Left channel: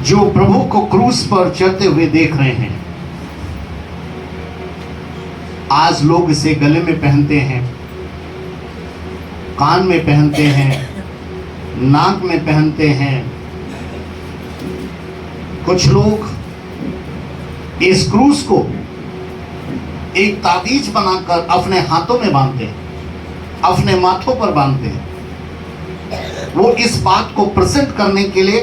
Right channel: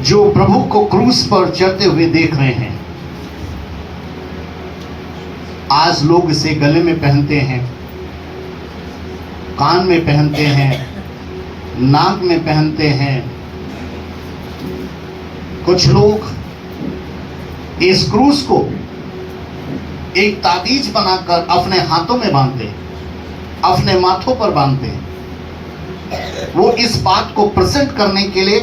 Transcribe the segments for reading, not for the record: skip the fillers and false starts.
जो प्रभु को क्रूस पर चढ़ते हुए देख रहे हैं, आज लोग इसे गले में पहनते हैं, कान में पहनते हैं, नाक में पहनते हैं। कुछ लोग इस क्रूस को एक ताबीज बनाकर अपने हाथों में बांधते हैं, अपने माथों पर बांधते हैं। वो इस बात को प्रेजेंट करने के लिए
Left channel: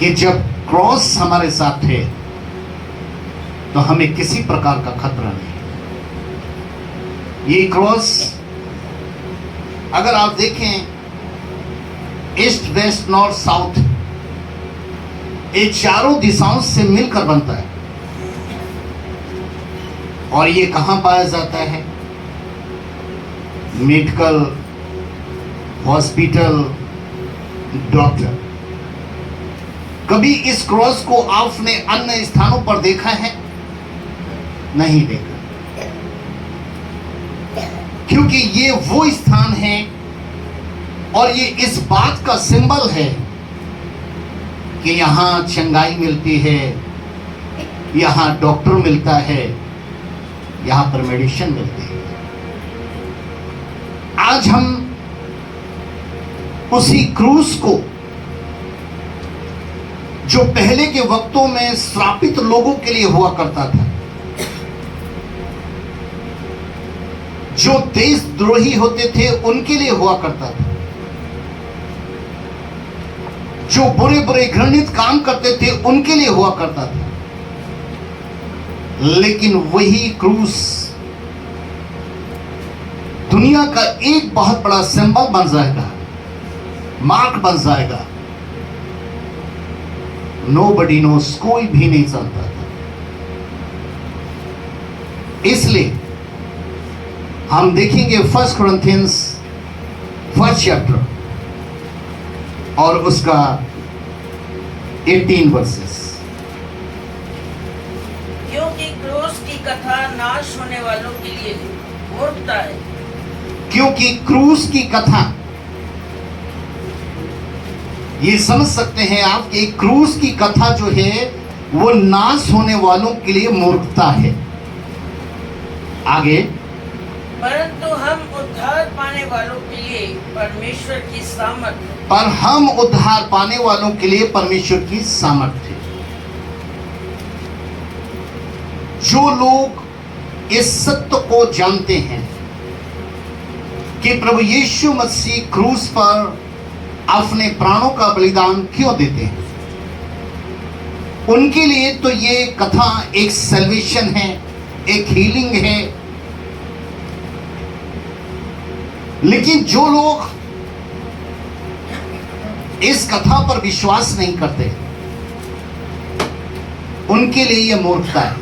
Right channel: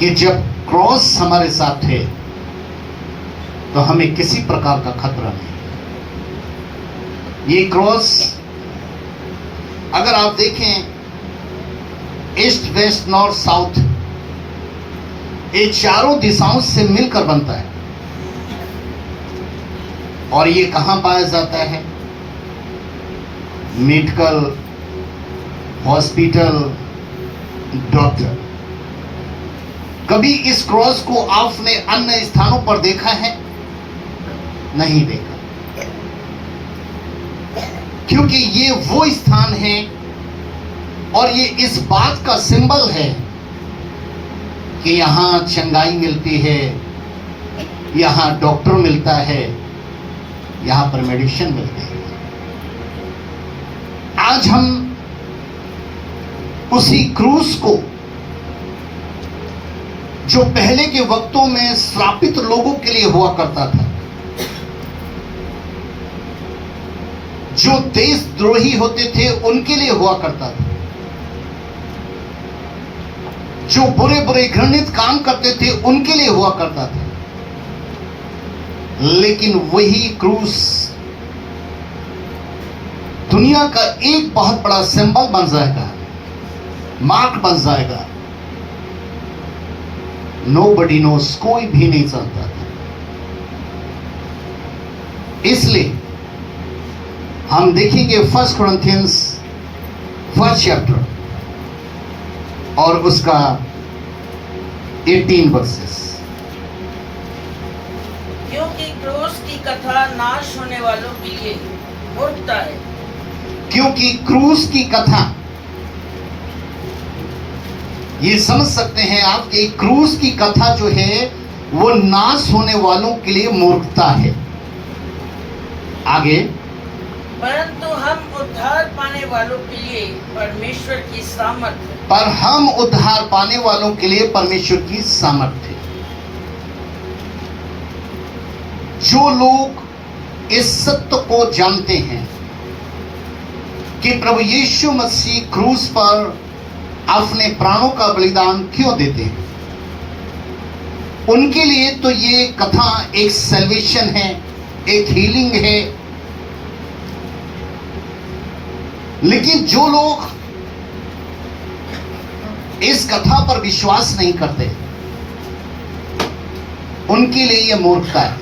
कि जब क्रॉस हमारे साथ है तो हमें किसी प्रकार का खतरा नहीं। ये क्रॉस अगर आप देखें, ईस्ट वेस्ट नॉर्थ साउथ, ये चारों दिशाओं से मिलकर बनता है। और ये कहां पाया जाता है? Medical, hospital, doctor. कभी इस क्रॉस को आपने अन्य स्थानों पर देखा है? नहीं देखा, क्योंकि ये वो स्थान है और ये इस बात का सिंबल है कि यहां चंगाई मिलती है, यहां डॉक्टर मिलता है, यहां पर मेडिसिन मिलती है। आज हम उसी क्रूस को, जो पहले के वक्तों में श्रापित लोगों के लिए हुआ करता था, जो देशद्रोही होते थे उनके लिए हुआ करता था, जो बुरे बुरे घृणित काम करते थे उनके लिए हुआ करता था, लेकिन वही क्रूस दुनिया का एक बहुत बड़ा सिंबल बन जाएगा, मार्क बन जाएगा। नोबडी नोस, कोई भी नहीं जानता था। इसलिए हम देखेंगे 1 Corinthians 1st chapter और उसका 18 verses। क्योंकि क्रूस की कथा नाश होने वालों के लिए मूर्खता है। क्योंकि क्रूस की कथा, ये समझ सकते हैं आप कि क्रूस की कथा जो है वो नाश होने वालों के लिए मूर्खता है। आगे, परंतु हम उद्धार पाने वालों के लिए परमेश्वर की सामर्थ्य, पर हम उद्धार पाने वालों के लिए परमेश्वर की सामर्थ्य। जो लोग इस सत्य को जानते हैं कि प्रभु यीशु मसीह क्रूस पर अपने प्राणों का बलिदान क्यों देते हैं, उनके लिए तो ये कथा एक सैल्वेशन है, एक हीलिंग है। लेकिन जो लोग इस कथा पर विश्वास नहीं करते, उनके लिए यह मूर्खता है।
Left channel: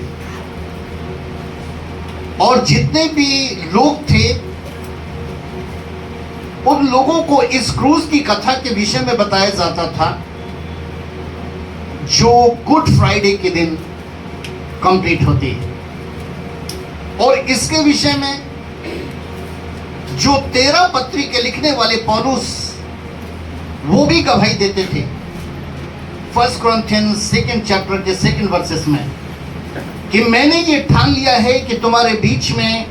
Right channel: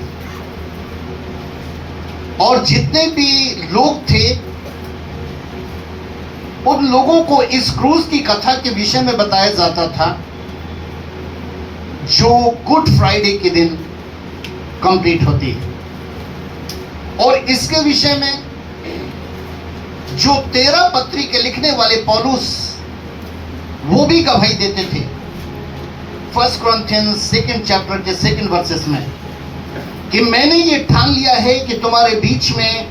और जितने भी लोग थे, उन लोगों को इस क्रूस की कथा के विषय में बताया जाता था, जो गुड फ्राइडे के दिन कंप्लीट होती है। और इसके विषय में जो 13 पत्री के लिखने वाले पौलुस, वो भी गवाही देते थे 1 Corinthians 2nd chapter के 2nd verses में, कि मैंने ये ठान लिया है कि तुम्हारे बीच में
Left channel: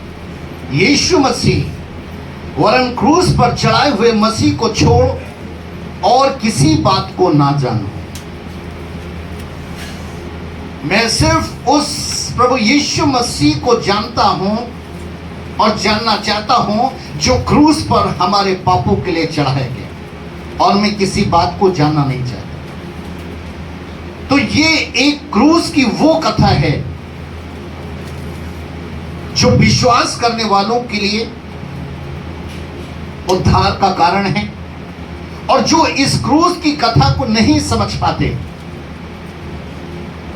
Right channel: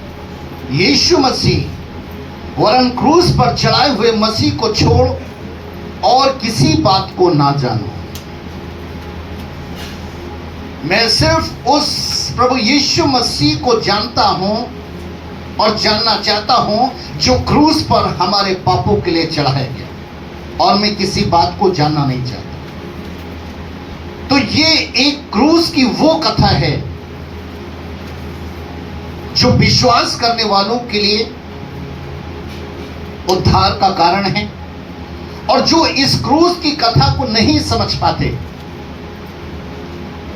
यीशु मसीह वरन क्रूस पर चढ़ाए हुए मसीह को छोड़ और किसी बात को ना जानो। मैं सिर्फ उस प्रभु यीशु मसीह को जानता हूं और जानना चाहता हूं जो क्रूस पर हमारे पापों के लिए चढ़ाया गया, और मैं किसी बात को जानना नहीं चाहता। तो ये एक क्रूस की वो कथा है जो विश्वास करने वालों के लिए उद्धार का कारण है, और जो इस क्रूस की कथा को नहीं समझ पाते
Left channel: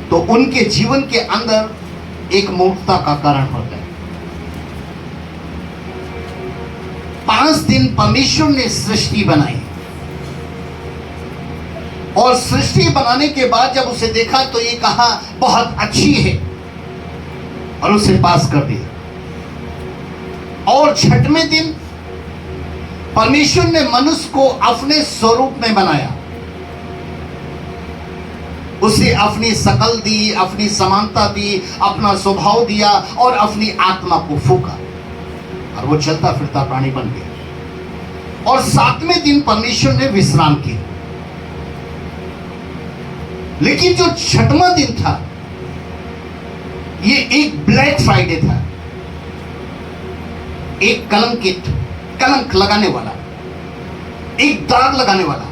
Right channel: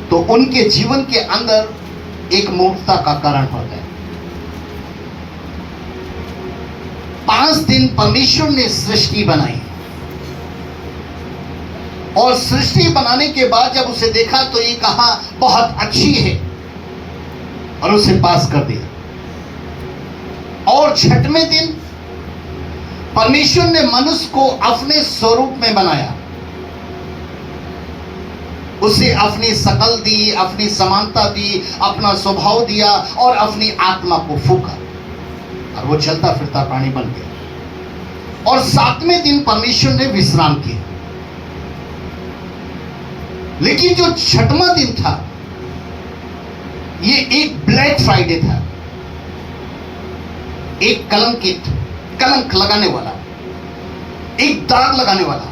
तो उनके जीवन के अंदर एक मूर्खता का कारण होता है। 5 दिन परमेश्वर ने सृष्टि बनाई, और सृष्टि बनाने के बाद जब उसे देखा तो ये कहा बहुत अच्छी है, और उसे पास कर दिया। और 6वें दिन परमेश्वर ने मनुष्य को अपने स्वरूप में बनाया, उसे अपनी शकल दी, अपनी समानता दी, अपना स्वभाव दिया और अपनी आत्मा को फूका और वो चलता फिरता प्राणी बन गया। और 7वें दिन परमेश्वर ने विश्राम किया। लेकिन जो 6वां दिन था, ये एक ब्लैक फ्राइडे था, एक कलंक लगाने वाला, एक दाग लगाने वाला।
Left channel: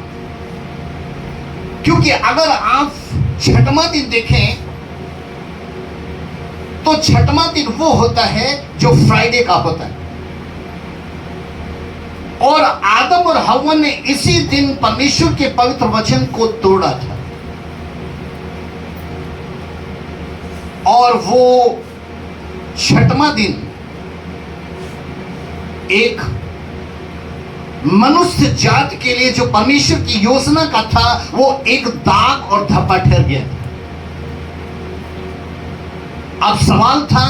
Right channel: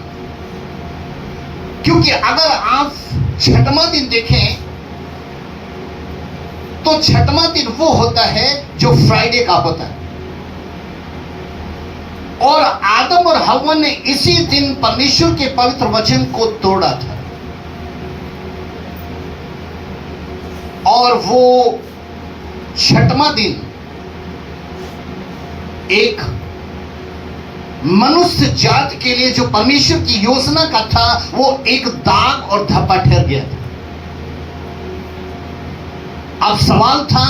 क्योंकि अगर आप 6वां दिन देखें तो 6वां दिन वो होता है जो फ्राइडे का होता है। और आदम और हव्वा ने इसी दिन परमेश्वर के पवित्र वचन को तोड़ा था। और वो 6वां दिन एक मनुष्य जात के लिए जो परमेश्वर की योजना का था, वो एक दाग और धब्बा ठहर गया था। अब सवाल था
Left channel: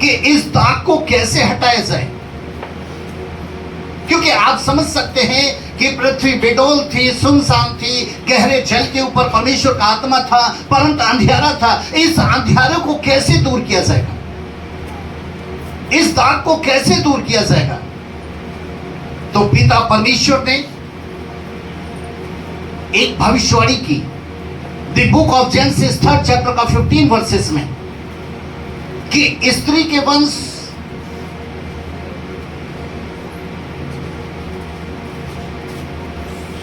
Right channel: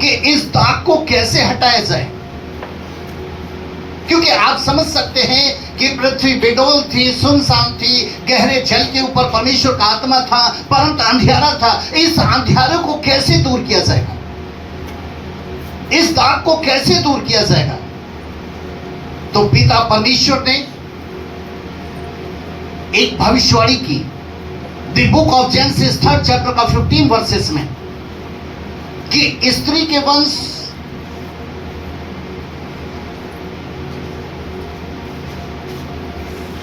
कि इस दाग को कैसे हटाया जाए। क्योंकि आप समझ सकते हैं कि पृथ्वी बेडौल थी, सुनसान थी, गहरे जल के ऊपर परमेश्वर का आत्मा था, परंतु अंधियारा था। इस अंधियारे को कैसे दूर किया जाएगा? इस दाग को कैसे दूर किया जाएगा? तो पिता परमेश्वर ने एक भविष्यवाणी की। The book of genesis 3rd chapter का 15 वर्सेस में कि स्त्री के वंश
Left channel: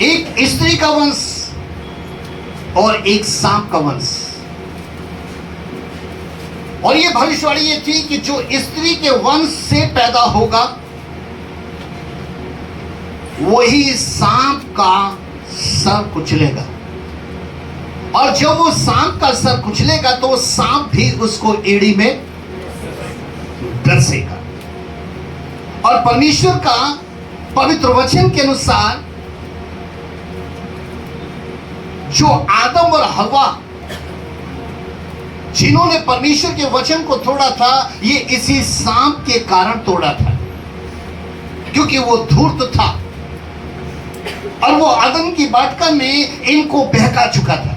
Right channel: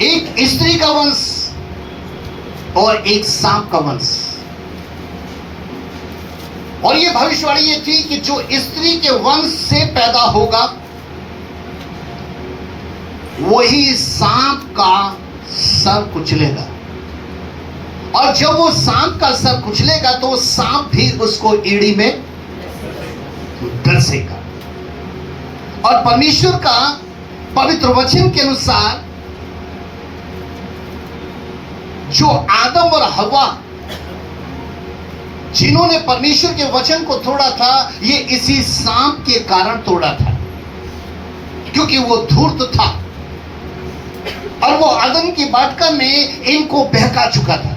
एक स्त्री का वंश और एक सांप का वंश। और यह भविष्यवाणी ये थी कि जो स्त्री के वंश से पैदा होगा वही सांप का सर कुचलेगा। और जब वो सांप का सर कुचलेगा तो सांप भी उसको एड़ी में डसेगा। और परमेश्वर का पवित्र वचन के अनुसार जो आदम और हव्वा जिन्होंने परमेश्वर के वचन को तोड़ा था, ये इसी सांप के कारण तोड़ा था। क्योंकि वो धूर्त था और वो आदम की वाटिका में इनको बहका चुका था।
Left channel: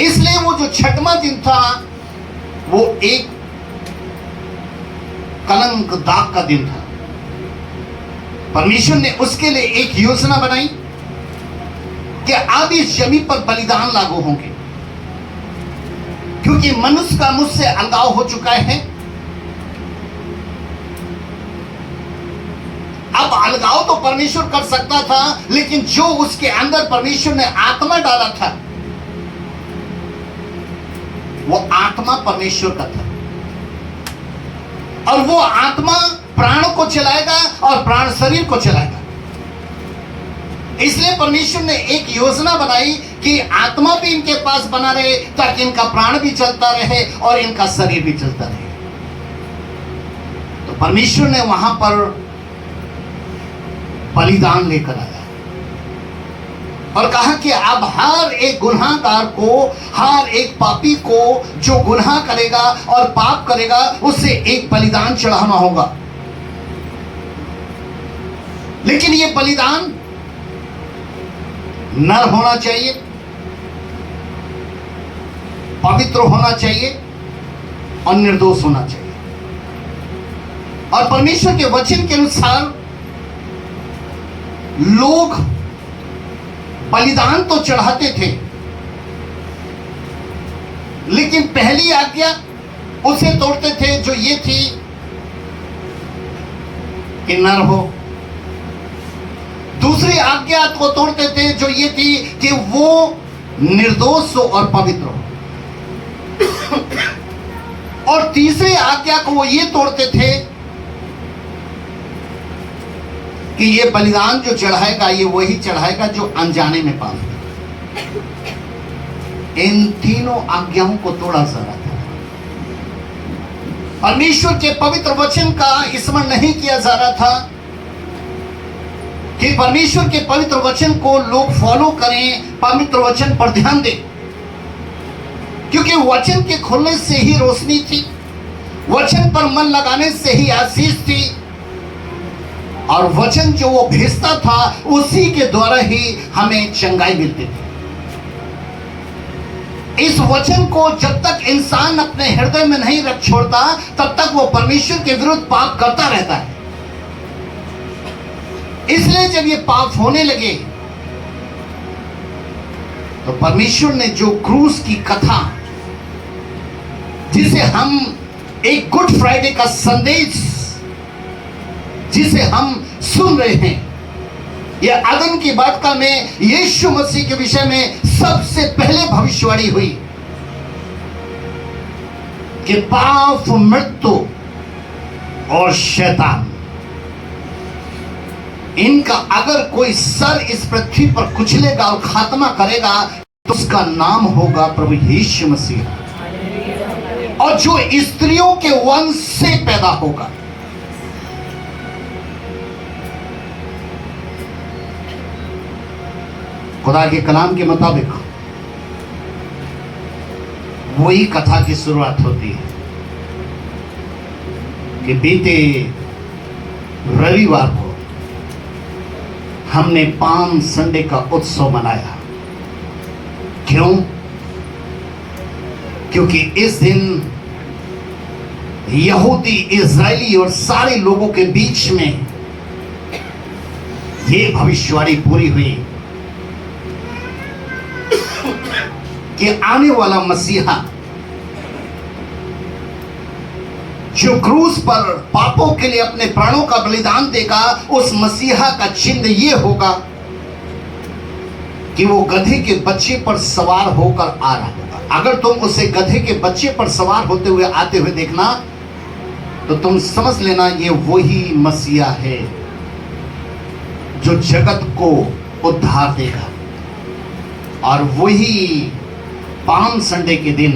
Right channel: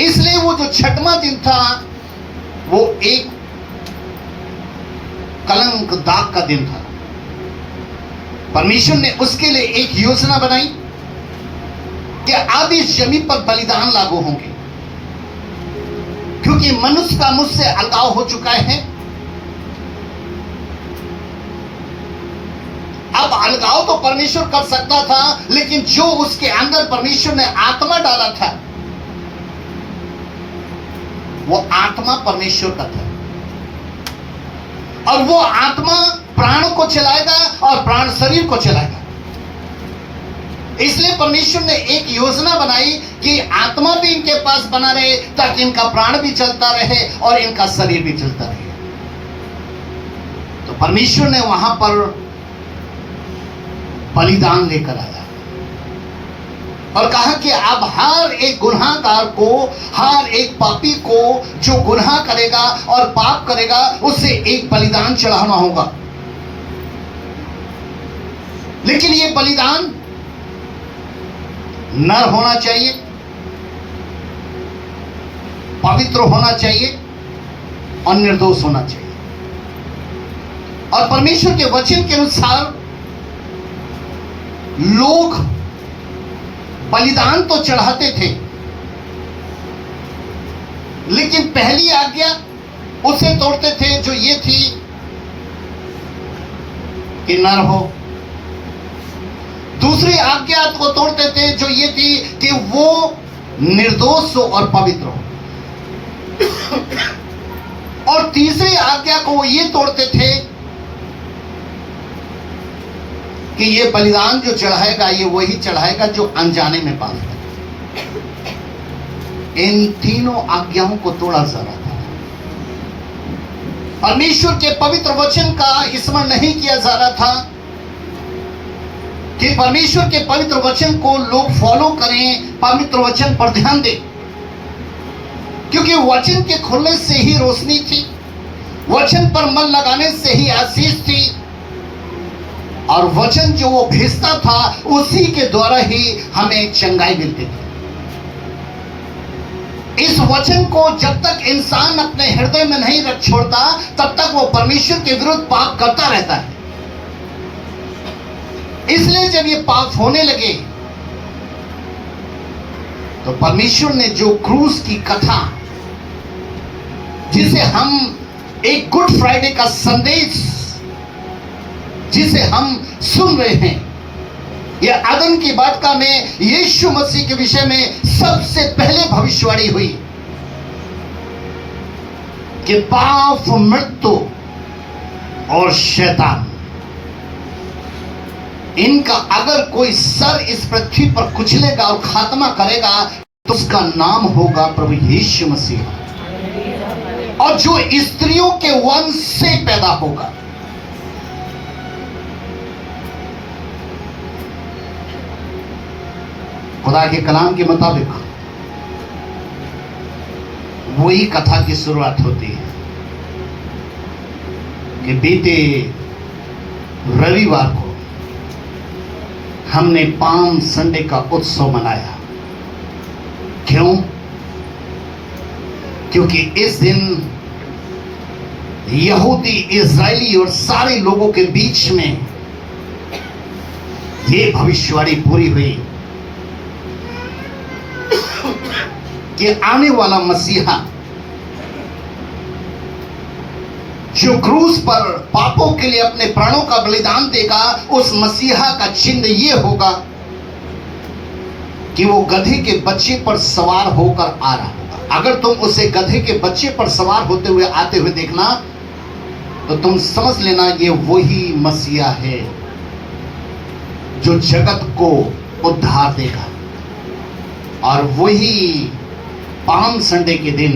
इसलिए वो जो 6वां दिन था वो एक कलंक दाग का दिन था। परमेश्वर ने उसके लिए एक योजना बनाई कि अब इस जमीन पर बलिदान लागू होंगे। क्योंकि मनुष्य का मुझसे अलगाव हो चुका है। अब अलगाव तो परमेश्वर कर सकता था, लेकिन जो उसके अंदर परमेश्वर ने आत्मा डाला था, वो आत्मा परमेश्वर का था। और वो आत्मा प्राण को चलाएगा और प्राण शरीर को चलाएगा। इसलिए परमेश्वर ने एक योजना बनाई कि आत्मा भी इनके पास बना रहे, ताकि इनका प्राण भी चलता रहे और इनका शरीर भी चलता रहे। तो परमेश्वर ने वहां पर बलिदान लेकर आया और कहा कि अब हर एक गुनाहगार को, हर एक पापी को जो गुनाह करेगा और पाप करेगा, उससे एक बलिदान चढ़ाना होगा। लेकिन ये बलिदान नर होना चाहिए, पवित्र होना चाहिए और निर्दोष होना चाहिए। और परमेश्वर के वचन के अनुसार लोग बलिदान तो चढ़ाते थे, लेकिन पहली आज्ञा उसे तोड़ते थे जो ये थी कि नर हो। दूसरी आज्ञा को तोड़ते थे जो ये थी कि वो निर्दोष हो और पवित्र हो। और तीसरी आज्ञा को वो ये तोड़ते थे कि ये बलिदान जो चढ़ाएगा, ये वही चढ़ाएगा जो अनजाने में पाप करे। इन तीनों आज्ञाओं को तोड़ा जा रहा था। परमेश्वर के पवित्र वचन का स्मरण नहीं किया जा रहा था कि परमेश्वर के पवित्र वचन को लोग फॉलो करें, पवित्र वचन पर ध्यान दें। क्योंकि वचन के खुलने से ही रोशनी थी, वचन पर मन लगाने से ही आशीष थी। और वचन जो वो भेजता था उसी के द्वारा ही हमें चंगाई मिलती थी। इस वचन को जब तक इंसान अपने हृदय में नहीं रख छोड़ता तब तक वो परमेश्वर के विरुद्ध पाप करता रहता है। इसलिए जब ये पाप होने लगे तो परमेश्वर ने जो क्रूस की कथा, जिसे हम एक गुड फ्राइडे का संदेश जिसे हम सुन रहे हैं, यह आदम की वाटिका में यीशु मसीह के विषय में सबसे पहले भविष्यवाणी हुई कि पाप, मृत्यु और शैतान, इनका अगर कोई सर इस पृथ्वी पर कुचलेगा और खात्मा करेगा तो उसका नाम होगा प्रभु यीशु मसीह, और जो स्त्रियों के वंश से पैदा होगा। खुदा के कलाम के मुताबिक वही कथा की शुरुआत होती है कि बीते रविवार को हमने पाम संडे का उत्सव मनाया। क्यों? क्योंकि इस दिन यहूदी, इजरायली और सारे लोगों के बीच में यह भविष्यवाणी पूरी हुई कि आने वाला मसीहा जो क्रूस पर पापों के लिए अपने प्राणों का बलिदान देगा, उस मसीहा का चिन्ह यह होगा कि वो गधे के बच्चे पर सवार होकर आ रहा होगा। अगर तुम उसे गधे के बच्चे पर सवार होते हुए आते हुए देखना तो तुम समझ लेना ये वही मसीहा है जो जगत को उद्धार देगा। और वही पाम संडे के दिन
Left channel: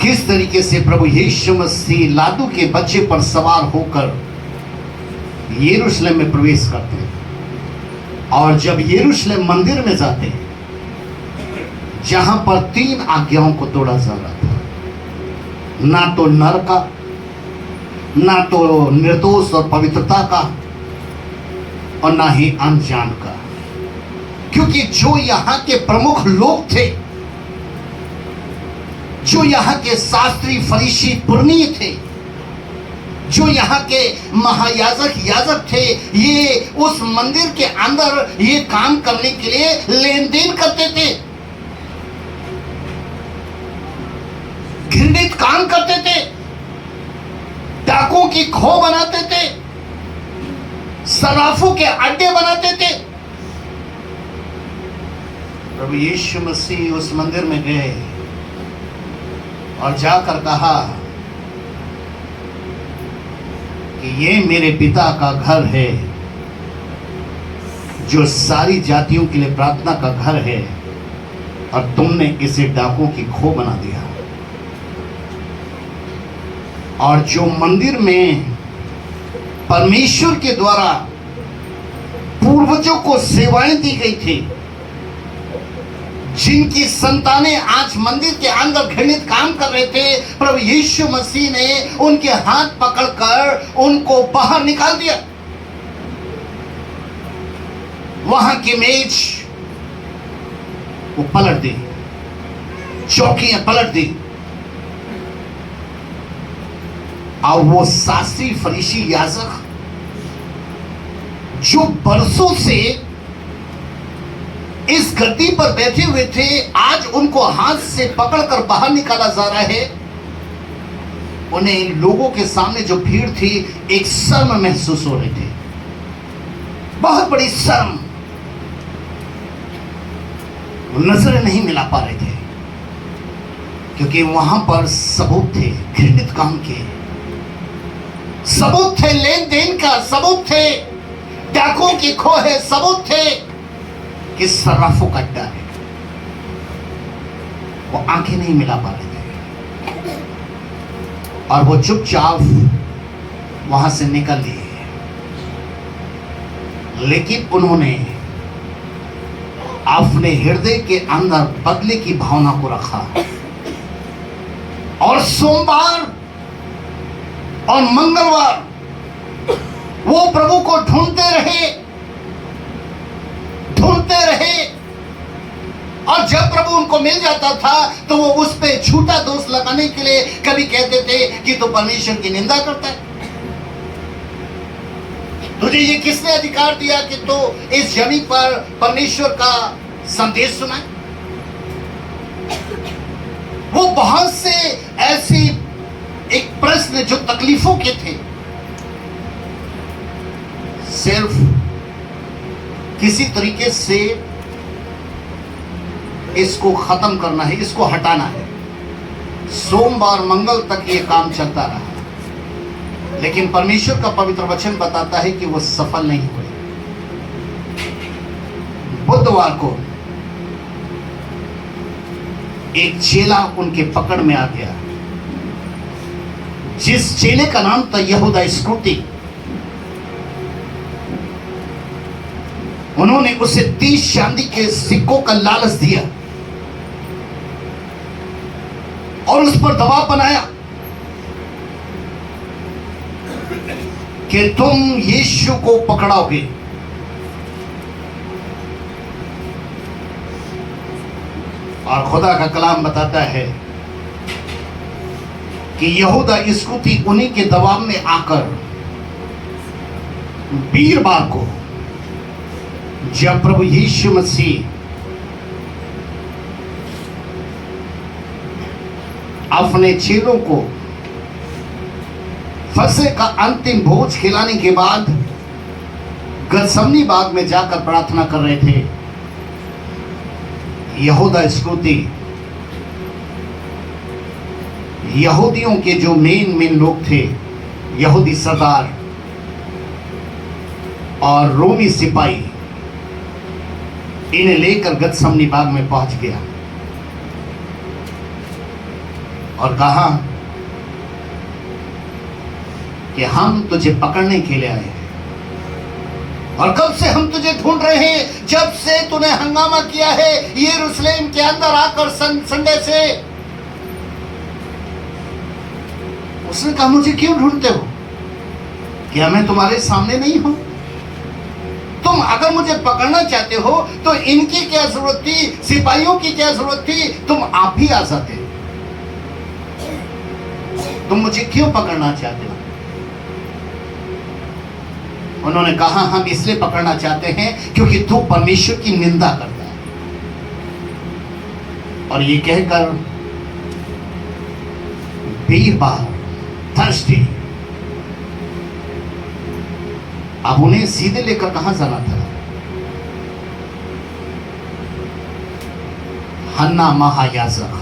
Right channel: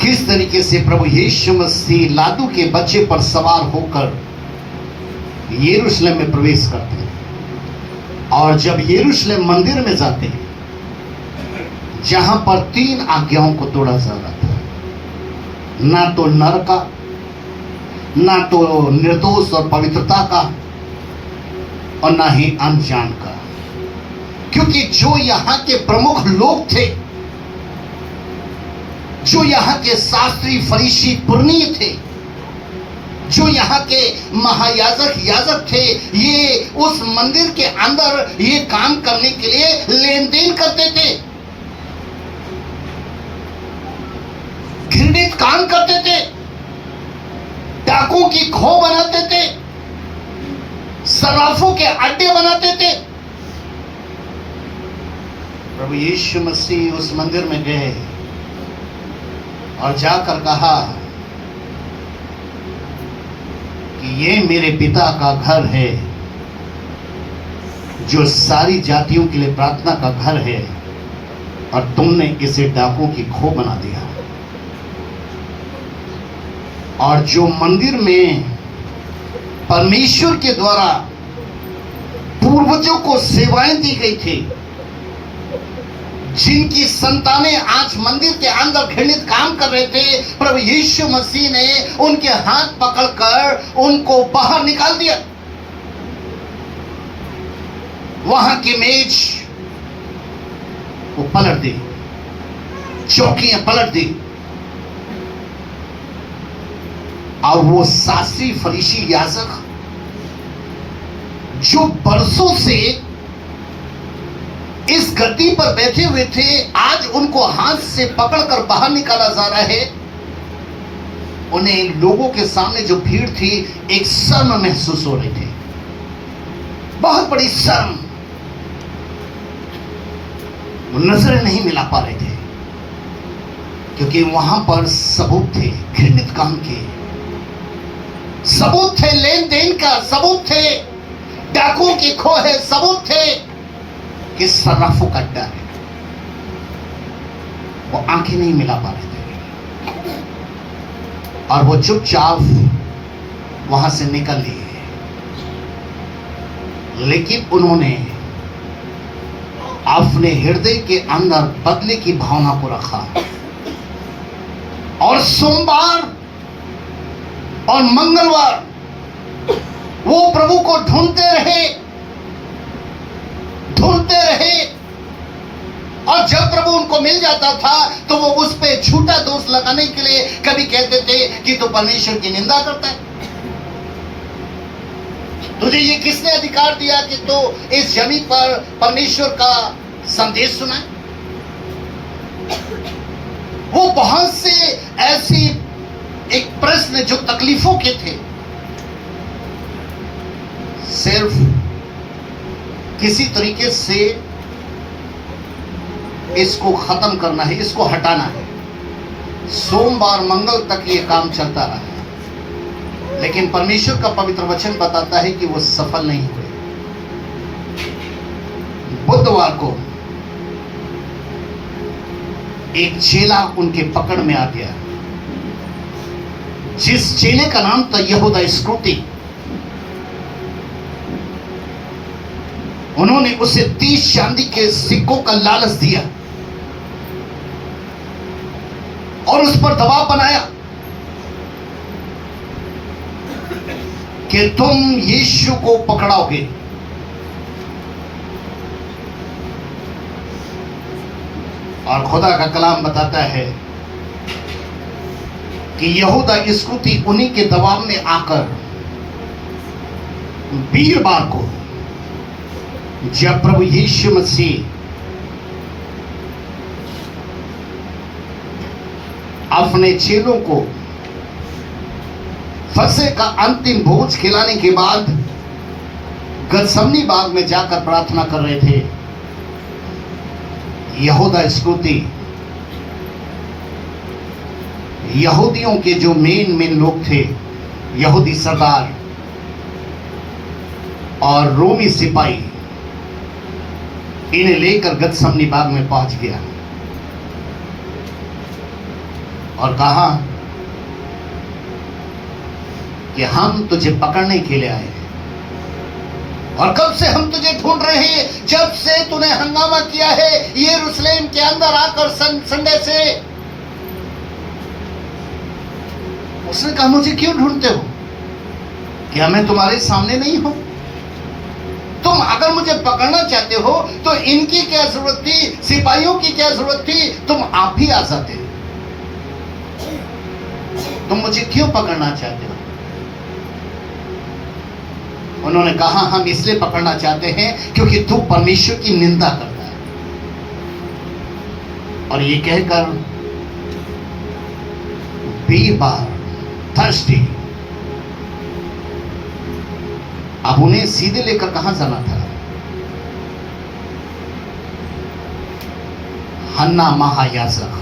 किस तरीके से प्रभु यीशु मसीह लादू के बच्चे पर सवार होकर यरूशलेम में प्रवेश करते हैं। और जब यरूशलेम मंदिर में जाते हैं जहां पर 3 आज्ञाओं को तोड़ा जा रहा था, ना तो नर का, ना तो निर्दोष और पवित्रता का, और ना ही अनजान का। क्योंकि जो यहां के प्रमुख लोग थे, जो यहाँ के शास्त्री, फरीसी, पुरनीय थे, जो यहाँ के याजक थे, ये उस मंदिर के अंदर ये काम करने के लिए लेन देन करते थे, घृणित काम करते थे, डाकों की खो बनाते थे, सराफों के अड्डे बनाते थे। प्रभु यीशु मसीह उस मंदिर में गए और जाकर कहा कि ये मेरे पिता का घर है, जो सारी जातियों के लिए प्रार्थना का घर है, और तुमने इसे डाकों की खो बना दिया। और जो मंदिर में परमेश्वर के द्वारा पूर्वजों को सेवाएं दी गई थी, जिनकी संतानें आज मंदिर के अंदर घृणित काम कर रहे थे, प्रभु यीशु मसीह ने उनके हाथ पकड़कर उनको बाहर निकाल दिया। वहां की मेज वो पलट दी, चौकियां पलट दी, और वो शास्त्री, फरीसी, याजक जो बरसों से इस गद्दी पर बैठे हुए थे, आज उनको हाथ से पकड़कर बाहर निकाला जा रहा है। उन्हें लोगों के सामने जो भीड़ थी, एक शर्म महसूस हो रही थी, बहुत बड़ी शर्म। वो नजरें नहीं मिला पा रहे थे, क्योंकि वहां पर सबूत थे घृणित काम के, सबूत थे लेन देन का, सबूत थे डाकों की खो है, सबूत थे कि सर्राफों का डर है। वो आंखें नहीं मिला पा रहे थे और वो चुपचाप वहां से निकल लिए। लेकिन उन्होंने अपने हृदय के अंदर बदले की भावना को रखा, और सोमवार और मंगलवार वो प्रभु को ढूंढते रहे, ढूंढते रहे, और जब प्रभु उनको मिल जाता था तो वो उस पे झूठा दोष लगाने के लिए कभी कहते थे कि तो परमेश्वर की निंदा करता है, तुझे ये किसने अधिकार दिया कि तो इस जमीन पर परमेश्वर का संदेश सुनाए। वो बहुत से ऐसी एक प्रश्न जो तकलीफों के थे, सिर्फ किसी तरीके से इसको खत्म करना है, इसको हटाना है। सोमवार मंगल तक ये काम चलता रहा, लेकिन परमेश्वर का पवित्र वचन बताता है कि वो सफल नहीं हुए। बुधवार को एक चेला उनके पकड़ में आ गया, जिस चेले का नाम था यहूदा इस्करियोती। उन्होंने उसे 30 चांदी के सिक्कों का लालच दिया और उस पर दबाव बनाया कि तुम यीशु को पकड़ाओगे। और खुदा का कलाम बताता है कि यहूदा इस्करियोती उन्हीं के दबाव में आकर वीरवार को, जब प्रभु यीशु मसीह अपने चेलों को फसह का अंतिम भोज खिलाने के बाद गतसमनी बाग में जाकर प्रार्थना कर रहे थे, यहूदा इस्करियोती यहूदियों के जो मेन लोग थे, यहूदी सरदार और रोमी सिपाही, इन्हें लेकर गतसमनी बाग में पहुंच गया और कहा कि हम तुझे पकड़ने के लिए आए हैं, और कब से हम तुझे ढूंढ रहे हैं, जब से तूने हंगामा किया है यरूशलेम के अंदर आकर संडे से। उसने कहा, मुझे क्यों ढूंढते हो? क्या मैं तुम्हारे सामने नहीं हूं? तुम अगर मुझे पकड़ना चाहते हो तो इनकी क्या जरूरत थी, सिपाहियों की क्या जरूरत थी, तुम आप ही आ जाते। तुम मुझे क्यों पकड़ना चाहते हो? उन्होंने कहा, हम इसलिए पकड़ना चाहते हैं क्योंकि तू परमेश्वर की निंदा करता है। और ये कहकर वीरवार, थर्सडे, अब उन्हें सीधे लेकर कहां जाना था? हन्ना महायाजक,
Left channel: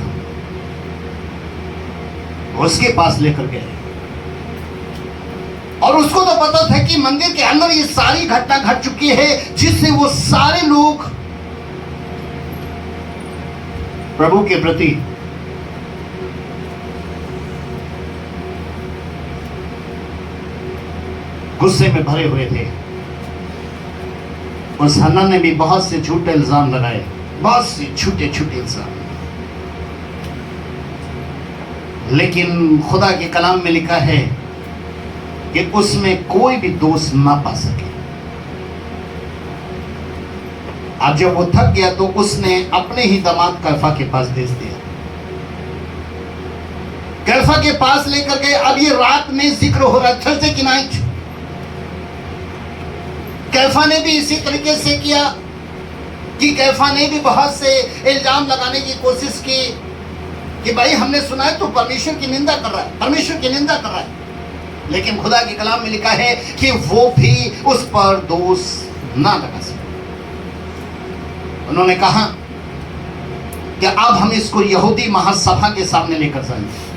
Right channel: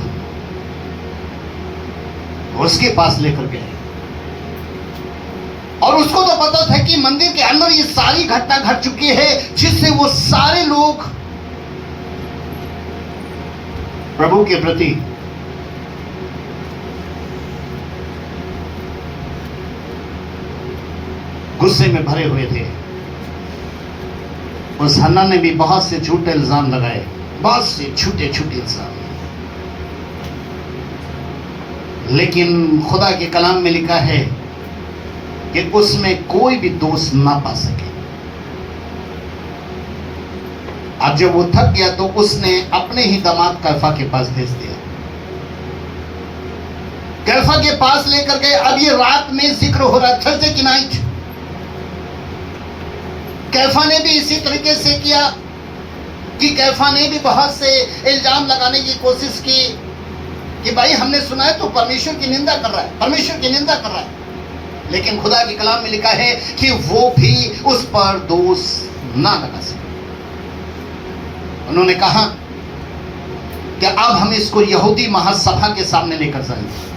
उसके पास लेकर गए। और उसको तो पता था कि मंदिर के अंदर ये सारी घटना घट चुकी है, जिससे वो सारे लोग प्रभु के प्रति गुस्से में भरे हुए थे। उस हन्ना ने भी बहुत से झूठे इल्जाम लगाए, बहुत से छोटे इल्जाम, लेकिन खुदा के कलाम में लिखा है कि उसमें कोई भी दोष ना पा सके। अब जब वो थक गया तो उसने अपने ही दामाद कैफा के पास भेज दिया। कैफा के पास लेकर गए। अब ये रात में जिक्र हो रहा है, थर्सडे की नाइट। कैफा ने भी इसी तरीके से किया कि कैफा ने भी बहुत से इल्जाम लगाने की कोशिश की कि भाई हमने सुना है तो परमेश्वर की निंदा कर रहा है, परमेश्वर की निंदा कर रहा है। लेकिन खुदा के कलाम में लिखा है कि वो भी उस पर दोष ना लगा सके। उन्होंने कहा कि अब हम इसको यहूदी महासभा के सामने लेकर जाएंगे।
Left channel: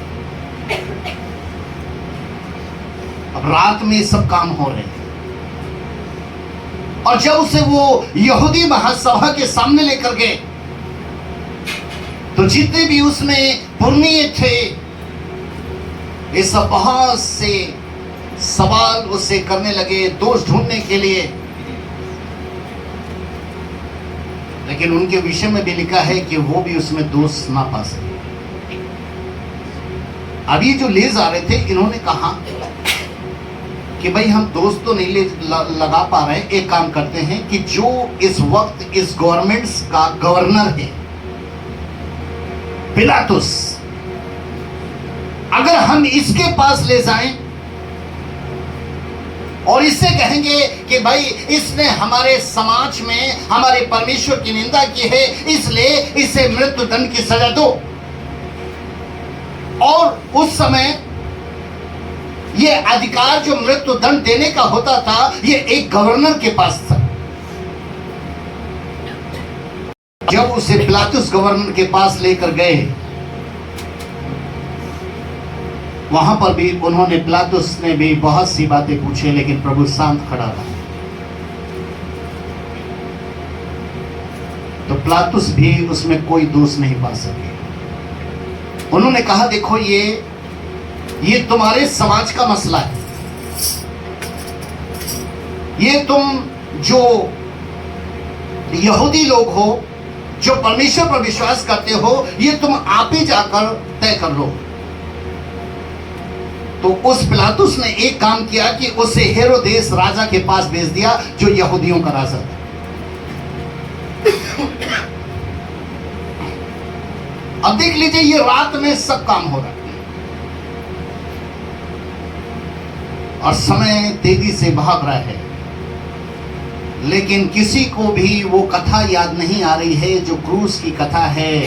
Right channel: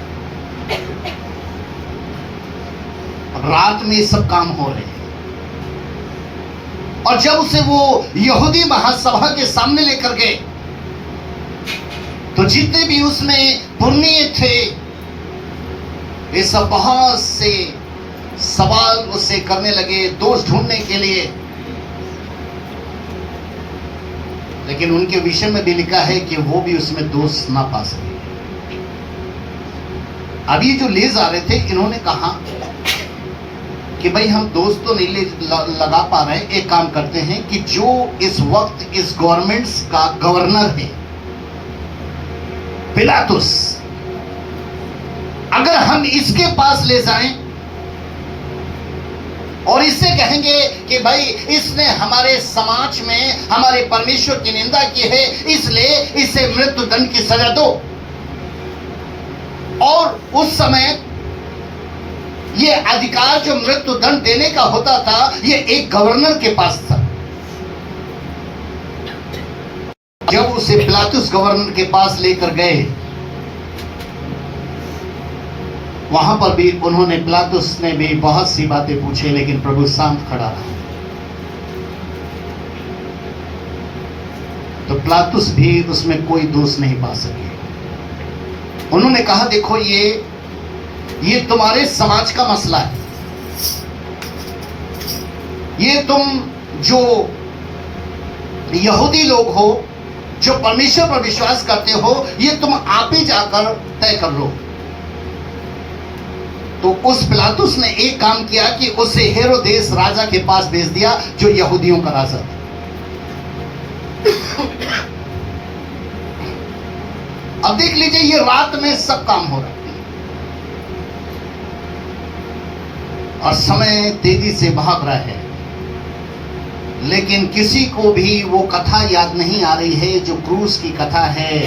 अब रात में सब काम हो रहे हैं, और जब उसे वो यहूदी महासभा के सामने लेकर गए तो जितने भी उसमें पुरनिये थे, वे सब बहुत से सवाल उससे करने लगे दोष ढूंढने के लिए। लेकिन उनके विषय में भी लिखा है कि वो भी उसमें दोष ना पा सके। अब ये जो ले जा रहे थे, इन्होंने कहा कि भाई हम दोस्त तो नहीं लगा पा रहे, एक काम करते हैं कि जो इस वक्त इस गवर्नमेंट्स का गवर्नर है पिलातुस, अगर हम इसके पास ले जाएं और इससे कहेंगे कि भाई इसने हमारे समाज में हमारे परमेश्वर की निंदा की है, इसलिए इसे मृत्यु दंड की सजा दो। और उस समय ये अधिकार जो मृत्यु दंड देने का होता था, ये एक गवर्नर के पास था। जब उसे पिलातुस गवर्नर के पास लेकर गए, वहां पर भी उन्होंने, पिलातुस ने भी बहुत सी बातें पूछी, लेकिन प्रभु शांत खड़ा रहा। तो पिलातुस भी उसमें कोई दोष नहीं पा सके। उन्होंने कहा देखो ये तुम्हारे समाज का मसला है, ये तुम जो यहूदी लोग हो, जो परमेश्वर पर विश्वास करते हो, ये तुम आप ही जाकर तय कर लो। तो उस पिलातुस ने एक काम किया कि उसे हेरोदेस राजा के पास भेज दिया, जो यहूदियों का राजा था। अब देख लीजिए, ये रात में सब काम हो रहा है और समय तेजी से भाग रहा है, लेकिन किसी को भी वो कथा याद नहीं आ रही है जो क्रूस की कथा है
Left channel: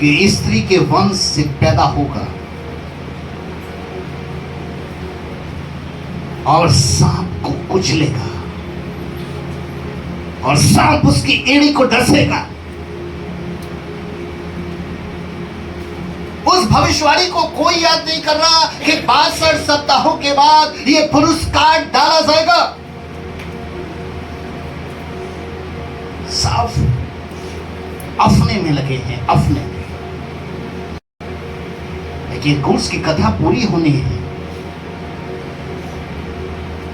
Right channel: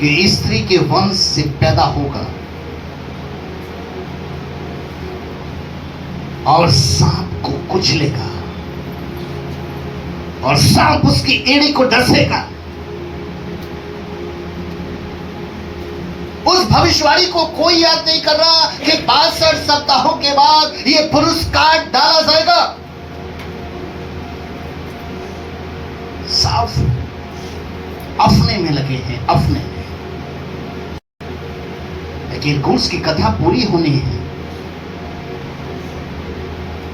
कि स्त्री के वंश से पैदा होकर और सांप को कुचलेगा और सांप उसकी एड़ी को डसेगा। उस भविष्यवाणी को कोई याद नहीं कर रहा कि 62 सप्ताहों के बाद ये पुरुष काट डाला जाएगा। साफ अपने में लगे हैं, अपने में। लेकिन क्रूस की कथा पूरी होनी है।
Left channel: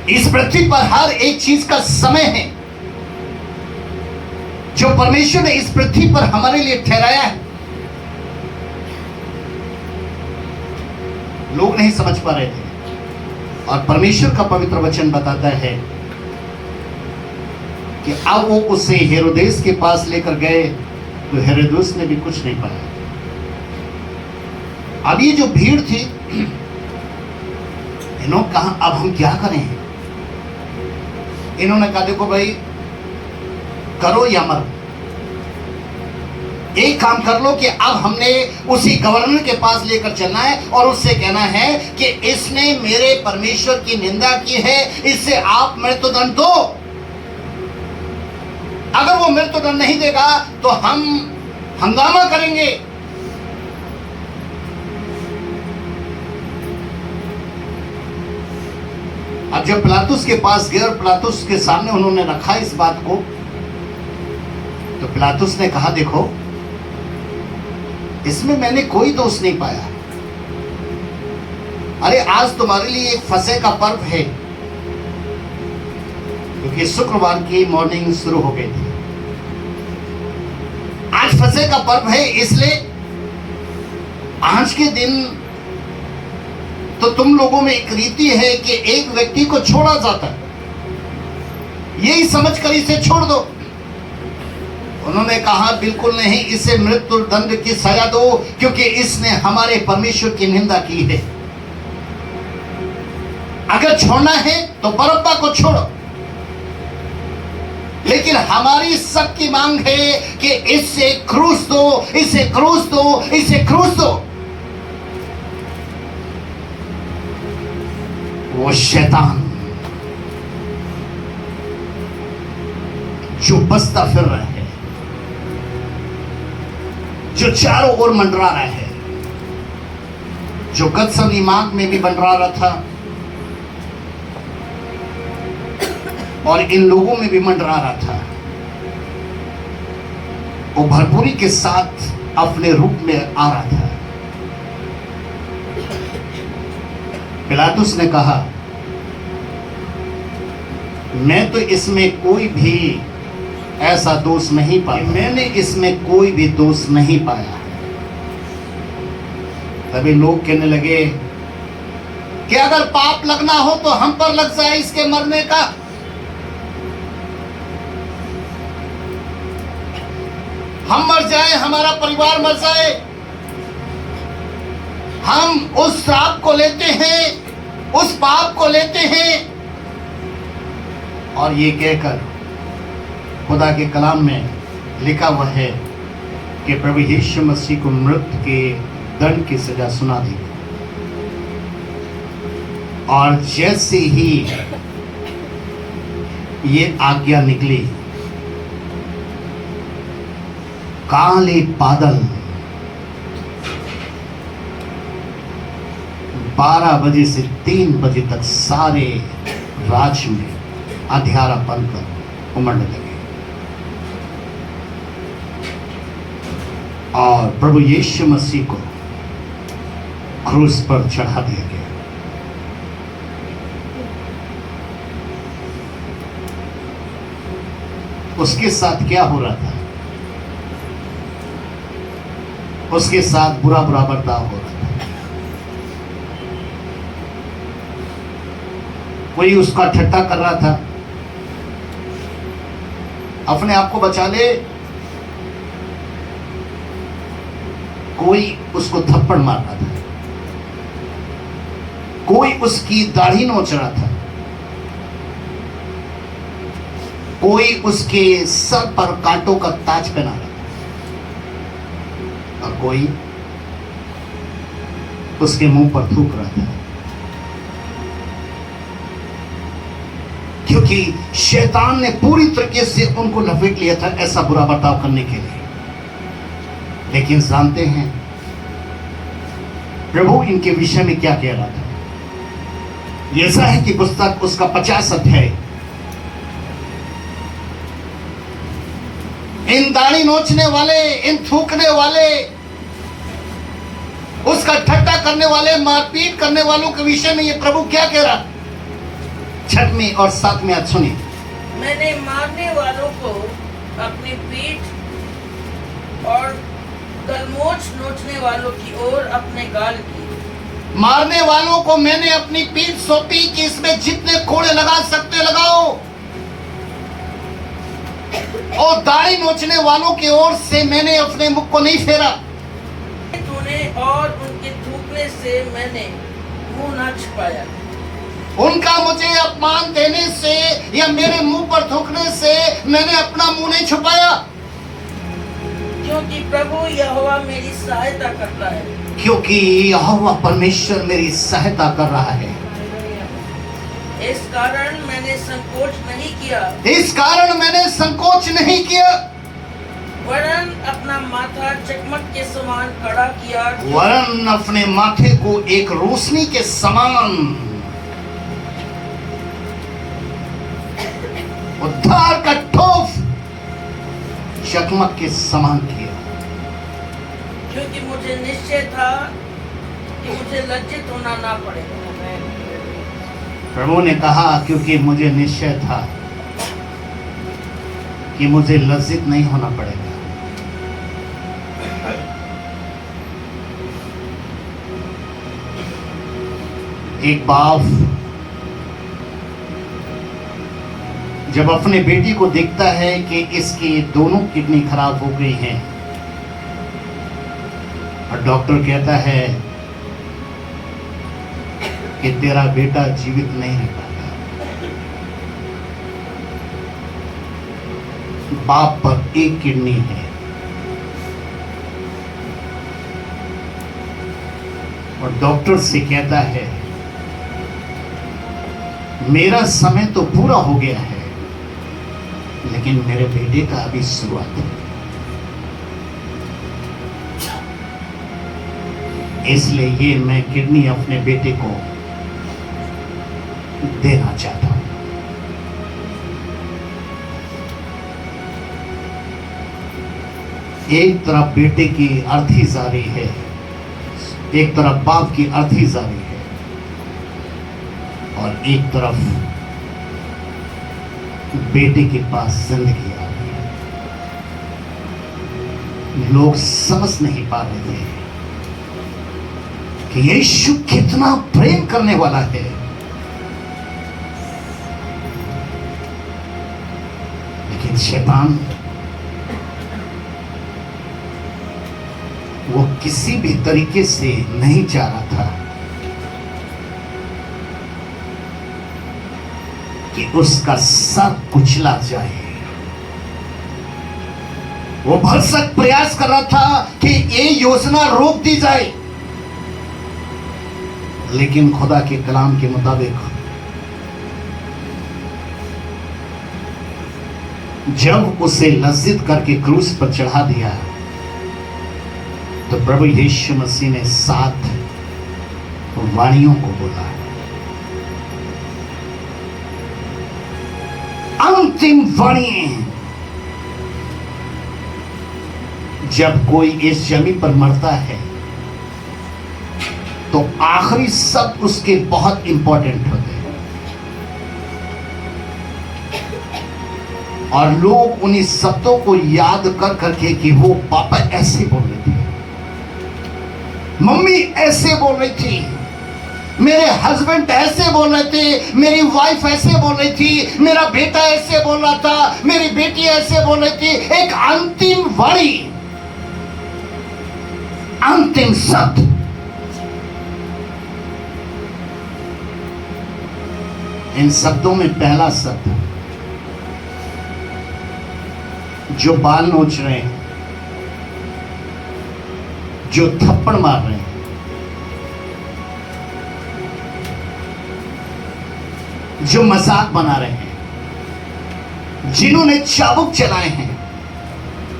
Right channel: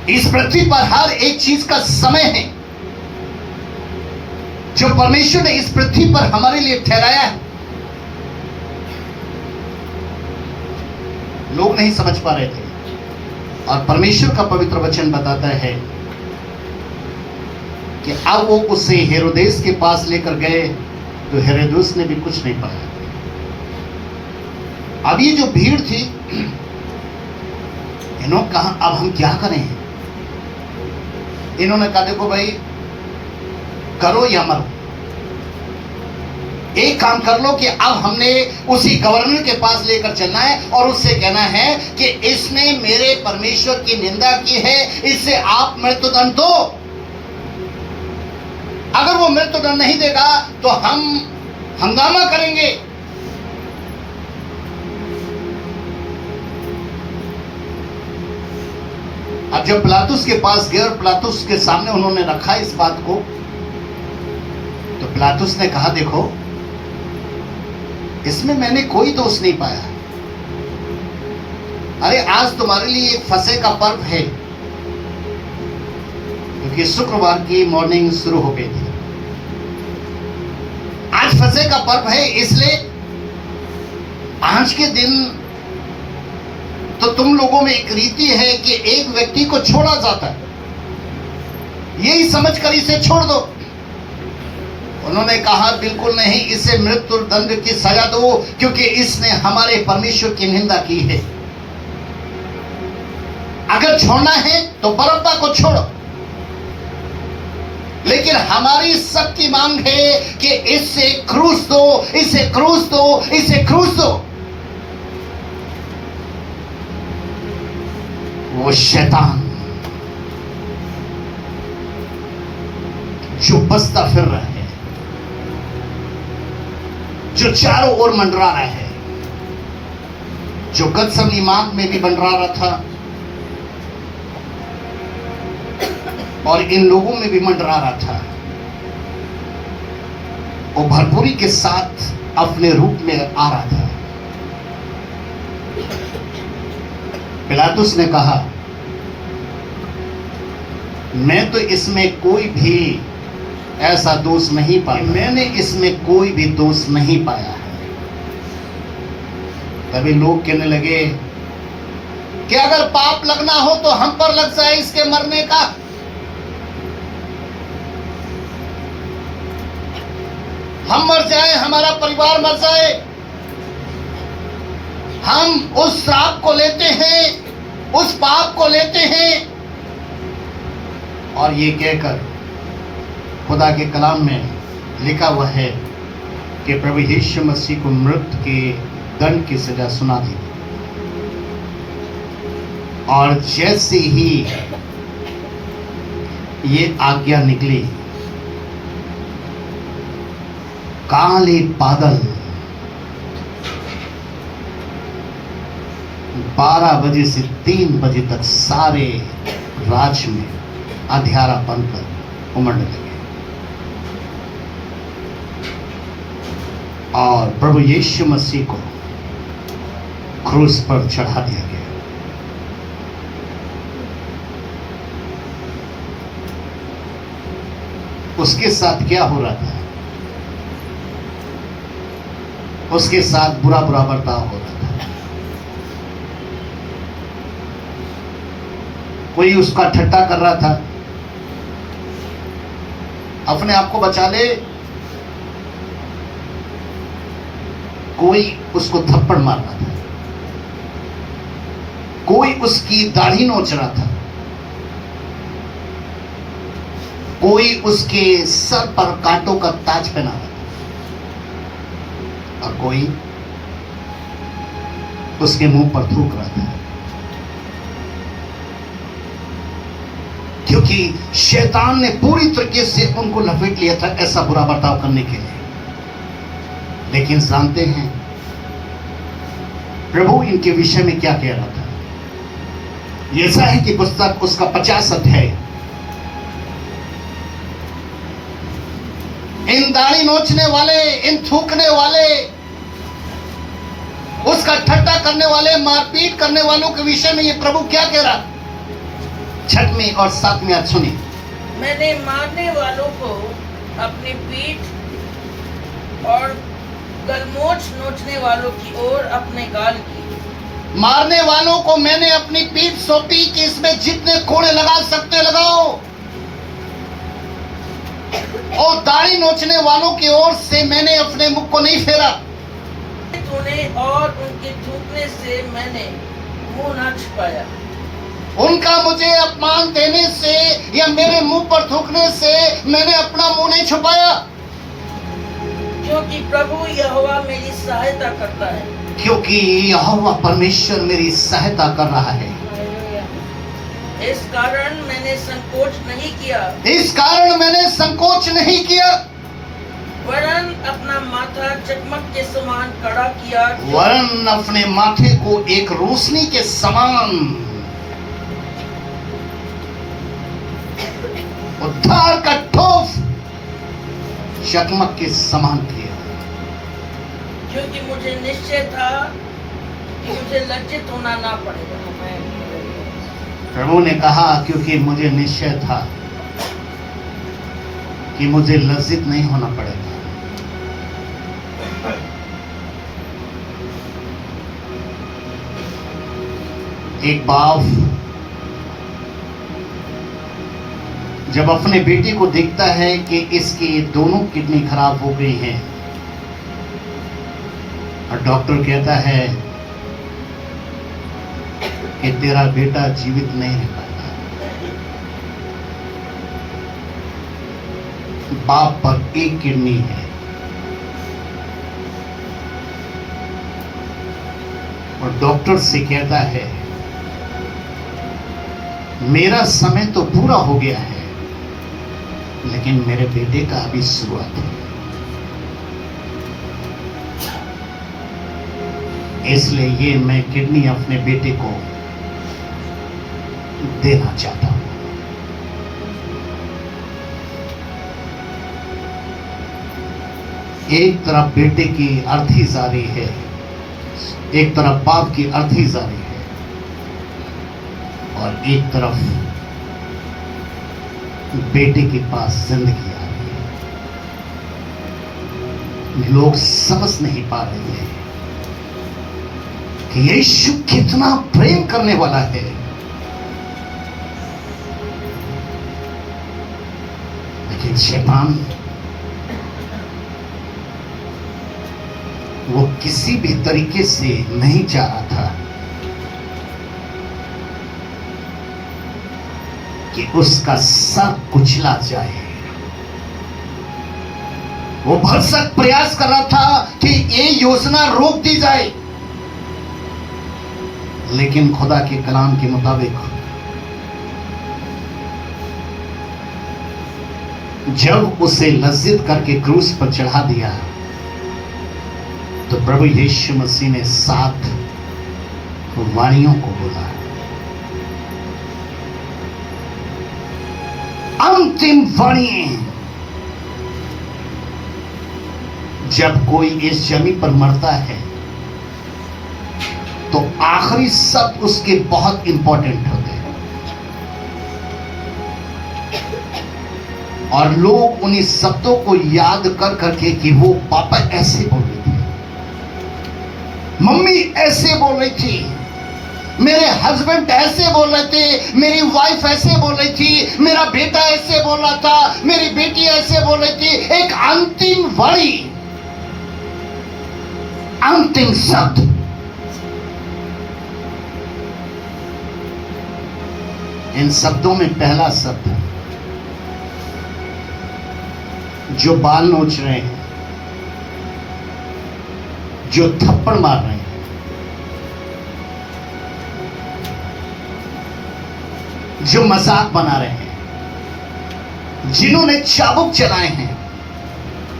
इस पृथ्वी पर हर एक चीज का समय है जो परमेश्वर ने इस पृथ्वी पर हमारे लिए ठहराया है। लोग नहीं समझ पा रहे थे, और परमेश्वर का पवित्र वचन बताता है कि अब वो उसे हेरोदेस के पास लेकर गए, तो हेरोदेस ने भी कुछ नहीं पाया। अब ये जो भीड़ थी, इन्होंने कहा अब हम क्या करें। इन्होंने कहा देखो भाई, करो या मरो, एक काम कर लो कि अब हमने उसी गवर्नर के पास लेकर चलना है और उससे कहना है कि इसने मेरे परमेश्वर की निंदा की है, इससे आप मृत्युदंड दो। अगर वो मृत्युदंड नहीं देगा तो हम हंगामा करेंगे। अब जब पिलातुस के पास गए और पिलातुस के सामने उन्होंने रखा इस बात को, तो पिलातुस ने कहा देखो, इसमें मैंने कोई दोष नहीं पाया। अरे आज तुम्हारे लिए फसह का पर्व है, क्योंकि शुक्रवार की मॉर्निंग शुरू हो गई थी। आज फसह का पर्व है, इसलिए आज के दिन तो तुम लोगों में एक रीति है कि एक व्यक्ति को छोड़ा जाता है, यही समझकर इसे छोड़ दो। उन्होंने कहा बिल्कुल नहीं, इसे मृत्यु दंड की सजा दो, क्योंकि इसने हमारे परमेश्वर की निंदा की है। अगर छोड़ना है तो बरअब्बा को छोड़ो, लेकिन हमारी सबकी मांग है कि इससे क्रूस दो, इसे क्रूस दो, इसे क्रूस दो। वो शैतान जो बसता फिर रहा है, जो चारों ओर मंडरा रहा है, जो गतसमनी मार्ग में भी मंडरा रहा था और इन लोगों में भी मंडरा रहा था, वो भरपूरी के साथ अपने रूप में आ रहा था। पिलातुस ने कहा मैं तो इसमें कोई भी ऐसा दोष नहीं पाया, मैंने इसमें कोई भी दोष नहीं पाया है। तभी लोग कहने लगे कि अगर पाप लगना हो तो हम पर लग जाए इसके मरने का। हम मर जाए, हमारा परिवार मर जाए, हम उस श्राप को लेते हैं, उस पाप को लेते हैं। और ये कहकर खुदा के कलाम में लिखा हुआ है कि प्रभु यीशु मसीह को मृत्यु के दंड की सजा सुना दी। और जैसे ही ये आज्ञा निकली, काले बादल 12 बजे से 3 बजे तक सारे राज्य में अंधियारा बनकर उमड़ने लगे और प्रभु यीशु मसीह को क्रूस पर चढ़ा दिया गया। उसके साथ क्या हो रहा था? उसके साथ बुरा बर्ताव हो रहा था। कोई उसका ठट्टा कर रहा था, अपने आप को बचा ले। कोई उसको थप्पड़ मार रहा था, कोई उसकी दाढ़ी नोच रहा था, कोई उसके सर पर कांटों का ताज पहना रहा था, और कोई उसके मुंह पर थूक रहा था। क्योंकि शैतान ने पूरी तरीके से उनको लपेट लिया था ऐसा बुरा बर्ताव करने के लिए। लेकिन जानते हैं प्रभु इनके विषय में क्या कह रहा था? ऐसा है कि पुस्तक उसका 50 अध्याय, इन दाढ़ी नोचने वाले, इन थूकने वाले, उसका ठट्टा करने वाले, मारपीट करने वालों के विषय में ये प्रभु क्या कह रहा? 6वीं और 7वीं आयत सुनिए। मैंने मारने वालों को अपनी पीठ और गलमोछ नोचने वालों की ओर अपने गाल की। मारने वालों को मैंने अपनी पीठ सौंपी कि इसमें जितने कोड़े लगा सकते लगाओ, और दाढ़ी नोचने वालों की ओर से मैंने अपने मुख को नहीं फेरा। तूने और उनके थूकने से मैंने मुंह न छिपाया। उनका मुझे अपमान देने से या मेरे मुंह पर थूकने से मैंने अपना मुंह नहीं छुपाया, क्योंकि प्रभु यहोवा मेरी सहायता करता है। क्योंकि यहोवा परमेश्वर मेरी सहायता कर रहा है। इस कारण मैंने संकोच नहीं किया। इस कारण मैंने संकोच नहीं किया, वरन अपना माथा चकमक के समान खड़ा किया। वरन अपने माथे को एक रोशनी के समान, उद्धार का ठोफ चकमक के समान किया। क्योंकि मुझे निश्चय था कि मुझे लज्जित होना ना पड़ेगा। प्रभु ने कहा क्योंकि मुझे निश्चय था कि मुझे लज्जित नहीं होना पड़ेगा। एक बाप जब अपने बेटी को देखता है कि इसकी दोनों किडनी खराब हो गई हैं और डॉक्टर कहता है कि तेरा बेटा जीवित नहीं रह पाता, बाप पर एक किडनी है, और डॉक्टर से कहता है मेरा समय तो पूरा हो गया है, लेकिन मेरे बेटे का अभी शुरुआत है। इसलिए ये मैं किडनी अपने बेटे को देना चाहता हूं। एक तरफ बेटे की अर्थी जारी है, एक तरफ बाप की अर्थी जारी है, और एक तरफ बेटे के पास जिंदगी आ रही है। लोग समझ नहीं पा रहे हैं कि यीशु कितना प्रेम करने वाला है। लेकिन शैतान वो किसी भी तरीके से नहीं चाह रहा था कि उसका सर कुचला जाए। वो भरसक प्रयास कर रहा था कि ये योजना रोक दी जाए, लेकिन खुदा के कलाम के मुताबिक जब उसे लज्जित करके क्रूस पर चढ़ा दिया तो प्रभु यीशु मसीह ने 7 वाणियों को बोला। अंतिम वाणी, जब कोई इस जमीन पर मरता है तो आखिरी शब्द उसके बहुत इंपॉर्टेंट होते हैं और लोग उन्हीं शब्दों को याद कर करके कि वो पापा ऐसे बोल रहे थे, मम्मी ऐसे बोल रही थी, मेरे हस्बैंड ऐसे बोल रहे थे, मेरी वाइफ ऐसे बोल रही थी, मेरा बेटा ऐसे बोल रहा था, मेरी बेटी ऐसे बोल रही थी। एक अंतिम वाणी, अंतिम शब्द। इन शब्दों में पहला शब्द जो बाल नोच रहे हैं, जो थप्पड़ मार रहे हैं, जो मजाक बना रहे हैं, जिन्होंने चाबुक चलाए हैं,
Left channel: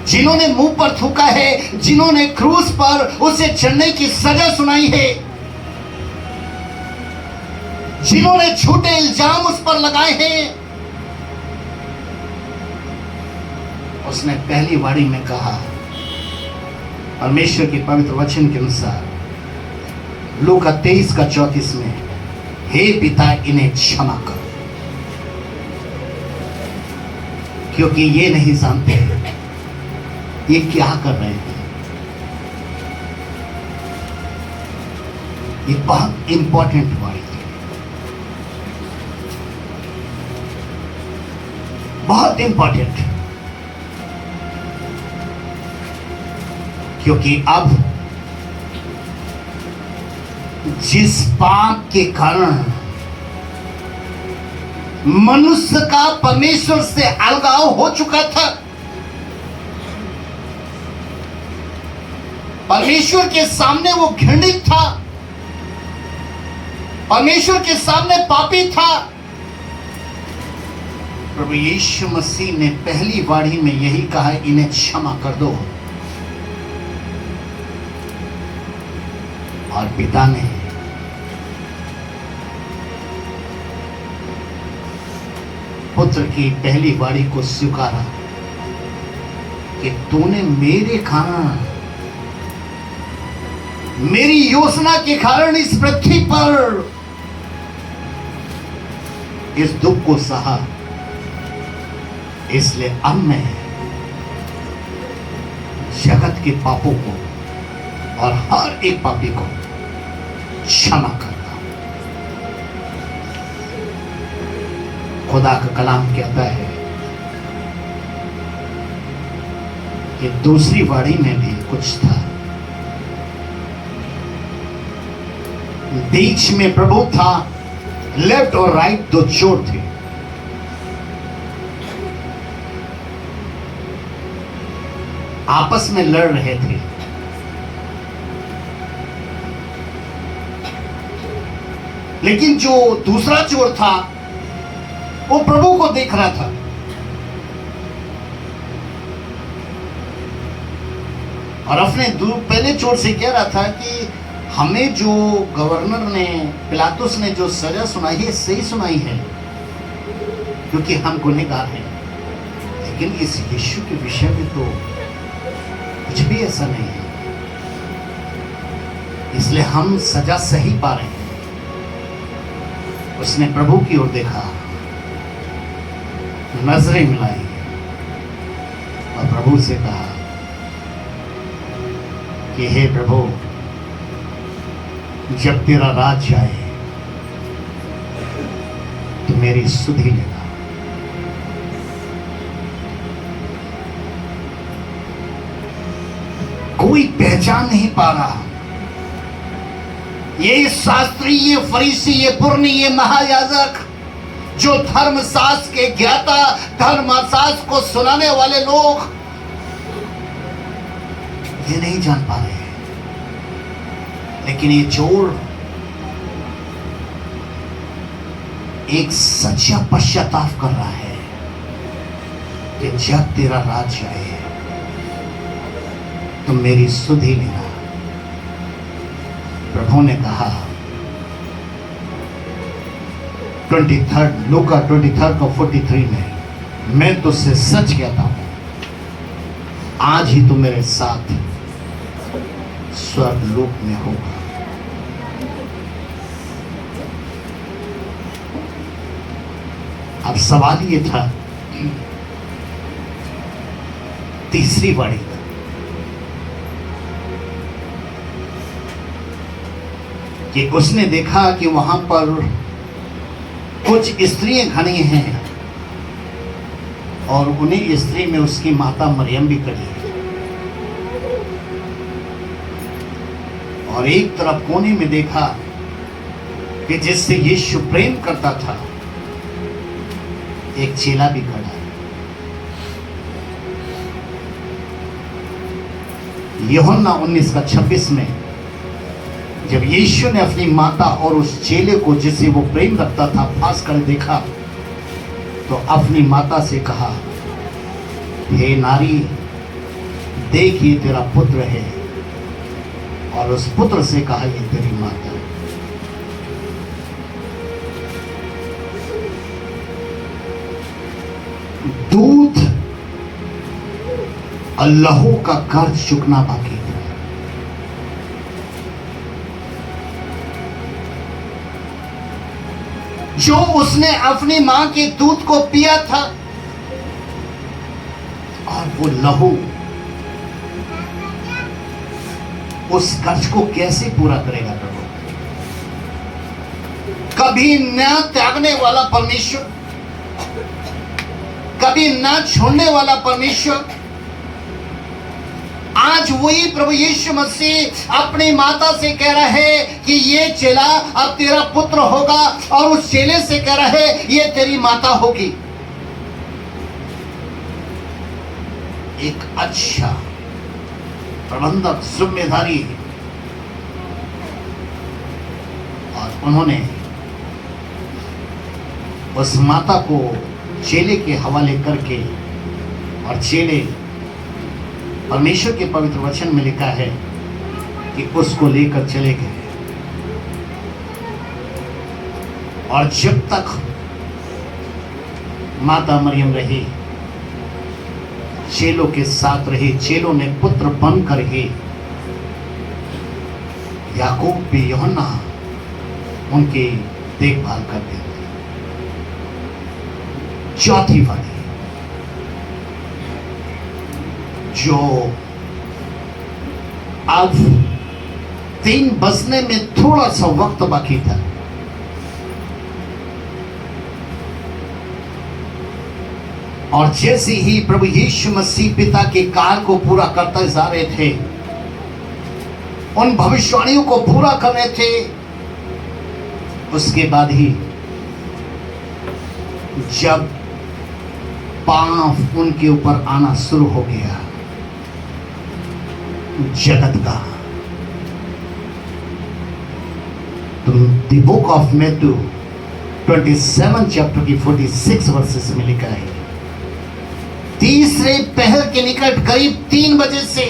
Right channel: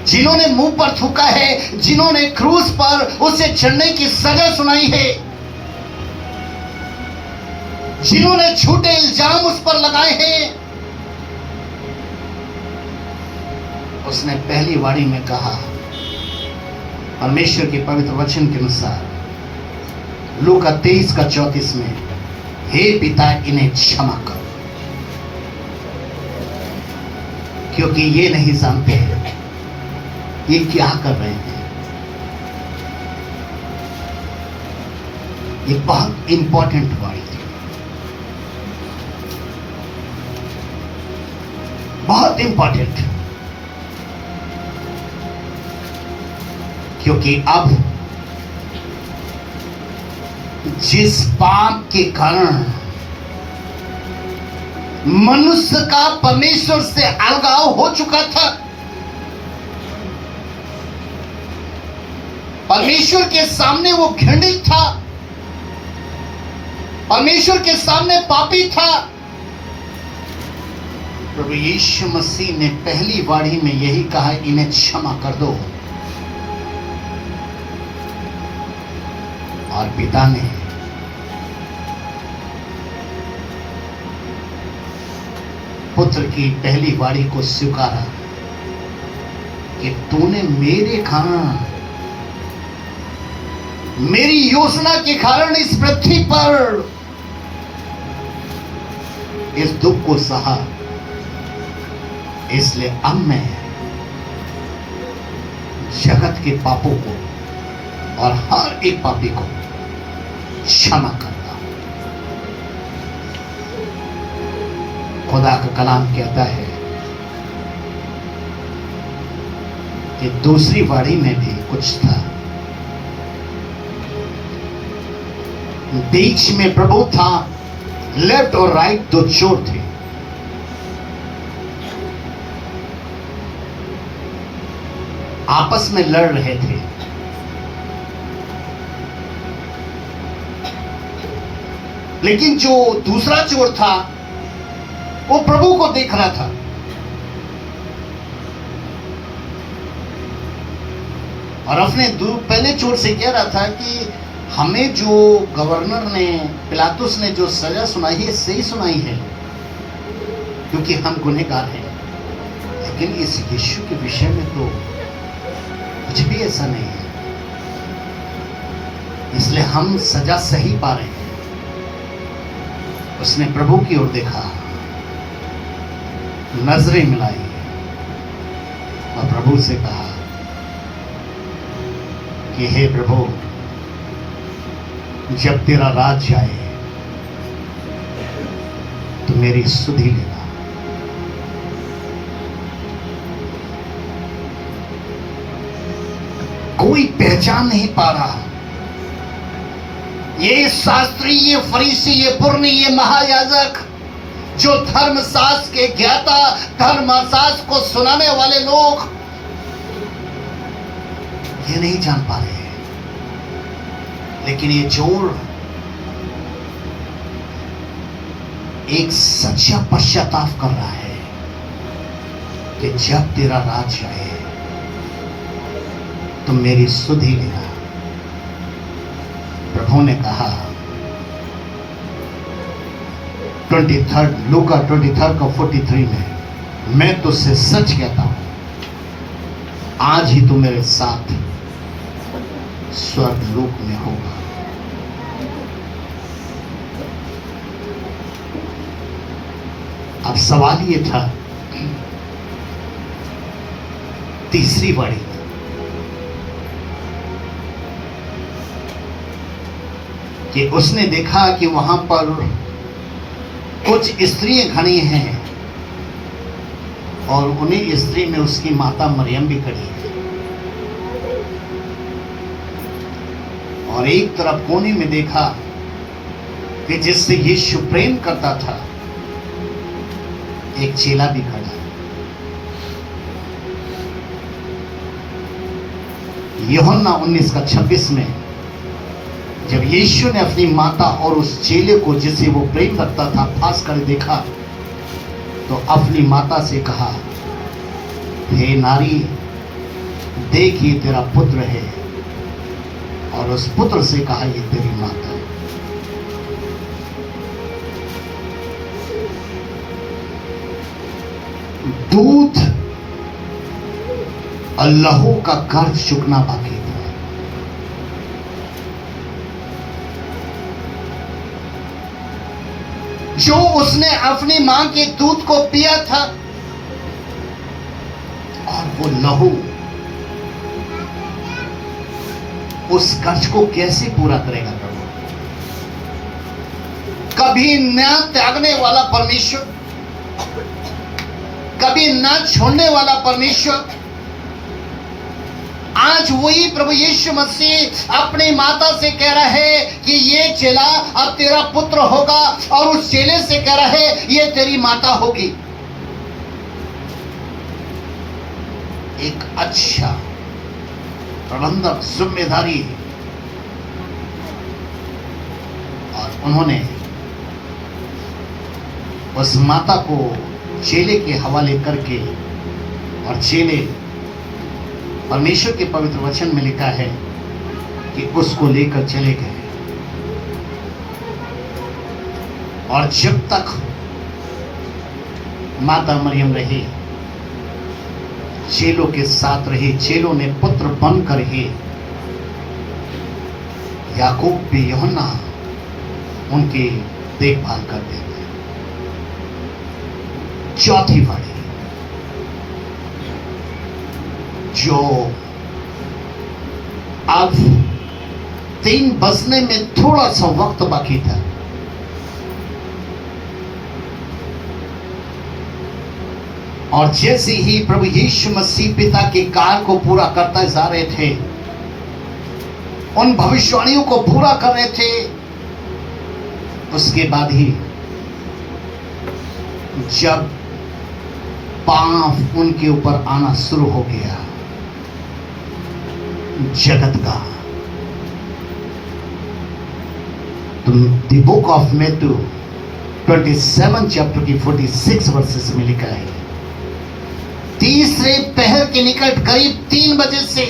जिन्होंने मुंह पर थूका है, जिन्होंने क्रूस पर उसे चढ़ने की सजा सुनाई है, जिन्होंने झूठे इल्जाम उस पर लगाए हैं, उसने पहली वाणी में कहा परमेश्वर के पवित्र वचन के अनुसार लूका 23:34 में, हे पिता इन्हें क्षमा करो क्योंकि ये नहीं जानते ये क्या कर रहे हैं। ये बहुत इंपॉर्टेंट वाणी थी, बहुत इंपॉर्टेंट, क्योंकि अब जिस पाप के कारण मनुष्य का परमेश्वर से अलगाव हो चुका था, परमेश्वर के सामने वो घृणित था, परमेश्वर के सामने पापी था, प्रभु यीशु मसीह ने पहली वाणी में यही कहा, इन्हें क्षमा कर दो। और पिता ने पुत्र की पहली वाणी को स्वीकारा कि तूने मेरे कारण, मेरी योजना के कारण इस पृथ्वी पर इस दुख को सहा, इसलिए अब मैं जगत के पापों को और हर एक पापी को क्षमा करता। खुदा का कलाम कहता है कि दूसरी वाणी में भी कुछ था, बीच में प्रभु था, लेफ्ट और राइट 2 चोर थे। आपस में लड़ रहे थे। लेकिन जो दूसरा चोर था वो प्रभु को देख रहा था। और अपने पहले चोर से कह रहा था कि हमें जो गवर्नर ने, पिलातुस ने जो सजा सुनाई है सही सुनाई है क्योंकि हम गुनहगार हैं, लेकिन इस यीशु के विषय में तो कुछ भी ऐसा नहीं है, इसलिए हम सजा सही पा रहे हैं। उसने प्रभु की ओर देखा, नजरें मिलाई और प्रभु से कहा कि हे प्रभु, जब तेरा राज आए तो मेरी सुधि लेना। कोई पहचान नहीं पा रहा। ये शास्त्री, ये फरीसी, ये पुरनी, ये महायाजक, जो धर्मशास्त्र के ज्ञाता, धर्मशास्त्र को सुनाने वाले लोग, ये नहीं जान पा रहे हैं। लेकिन ये चोर एक सच्चा पश्चाताप कर रहा है कि जब तेरा राज आए तो मेरी सुधि लेना। प्रभु ने कहा 23 लूका 23:43 में, मैं तुझसे सच कहता हूं, आज ही तू मेरे साथ स्वर्गलोक में होगा। अब सवाल ये था, तीसरी वाणी कि उसने देखा कि वहां पर कुछ स्त्रियां खड़ी हैं और उन्हीं स्त्री में उसकी माता मरियम भी खड़ी है। और एक तरफ कोने में देखा कि जिससे यीशु प्रेम करता था, एक चेला भी खड़ा है। यूहन्ना 19:26 में जब यीशु ने अपनी माता और उस चेले को जिसे वो प्रेम रखता था फांस कर देखा, तो अपनी माता से कहा, हे नारी, देख ये तेरा पुत्र है। और उस पुत्र से कहा, ये तेरी माता है। दूध और लहू का कर्ज चुकना बाकी था। जो उसने अपनी मां के दूध को पिया था, और वो लहू उस कर्ज को कैसे पूरा करेगा? कभी न त्यागने वाला परमेश्वर, कभी न छोड़ने वाला परमेश्वर, आज वही प्रभु यीशु मसीह अपनी माता से कह रहा है कि ये चेला अब तेरा पुत्र होगा, और उस चेले से कह रहा है ये तेरी माता होगी। एक अच्छा प्रबंधक, जिम्मेदारी, और उन्होंने उस माता को चेले के हवाले करके, और चेले, परमेश्वर के पवित्र वचन में लिखा है कि उसको लेकर चले गए। और जब तक माता मरियम रही, चेलों के साथ रही, चेलों ने पुत्र बनकर ही याकूब भी, यूहन्ना उनकी देखभाल करते थे। चौथी वाणी, जो अब 3 बजने में थोड़ा सा वक्त बाकी था, और जैसे ही प्रभु यीशु मसीह पिता के कार्य को पूरा करते जा रहे थे, उन भविष्यवाणियों को पूरा कर रहे थे, उसके बाद ही जब पाप उनके ऊपर आना शुरू हो गया, जगत का, तुम the book of Matthew 27 chapter की 46 वर्सेस में लिखा है, तीसरे पहर के निकट करीब 3 बजे से,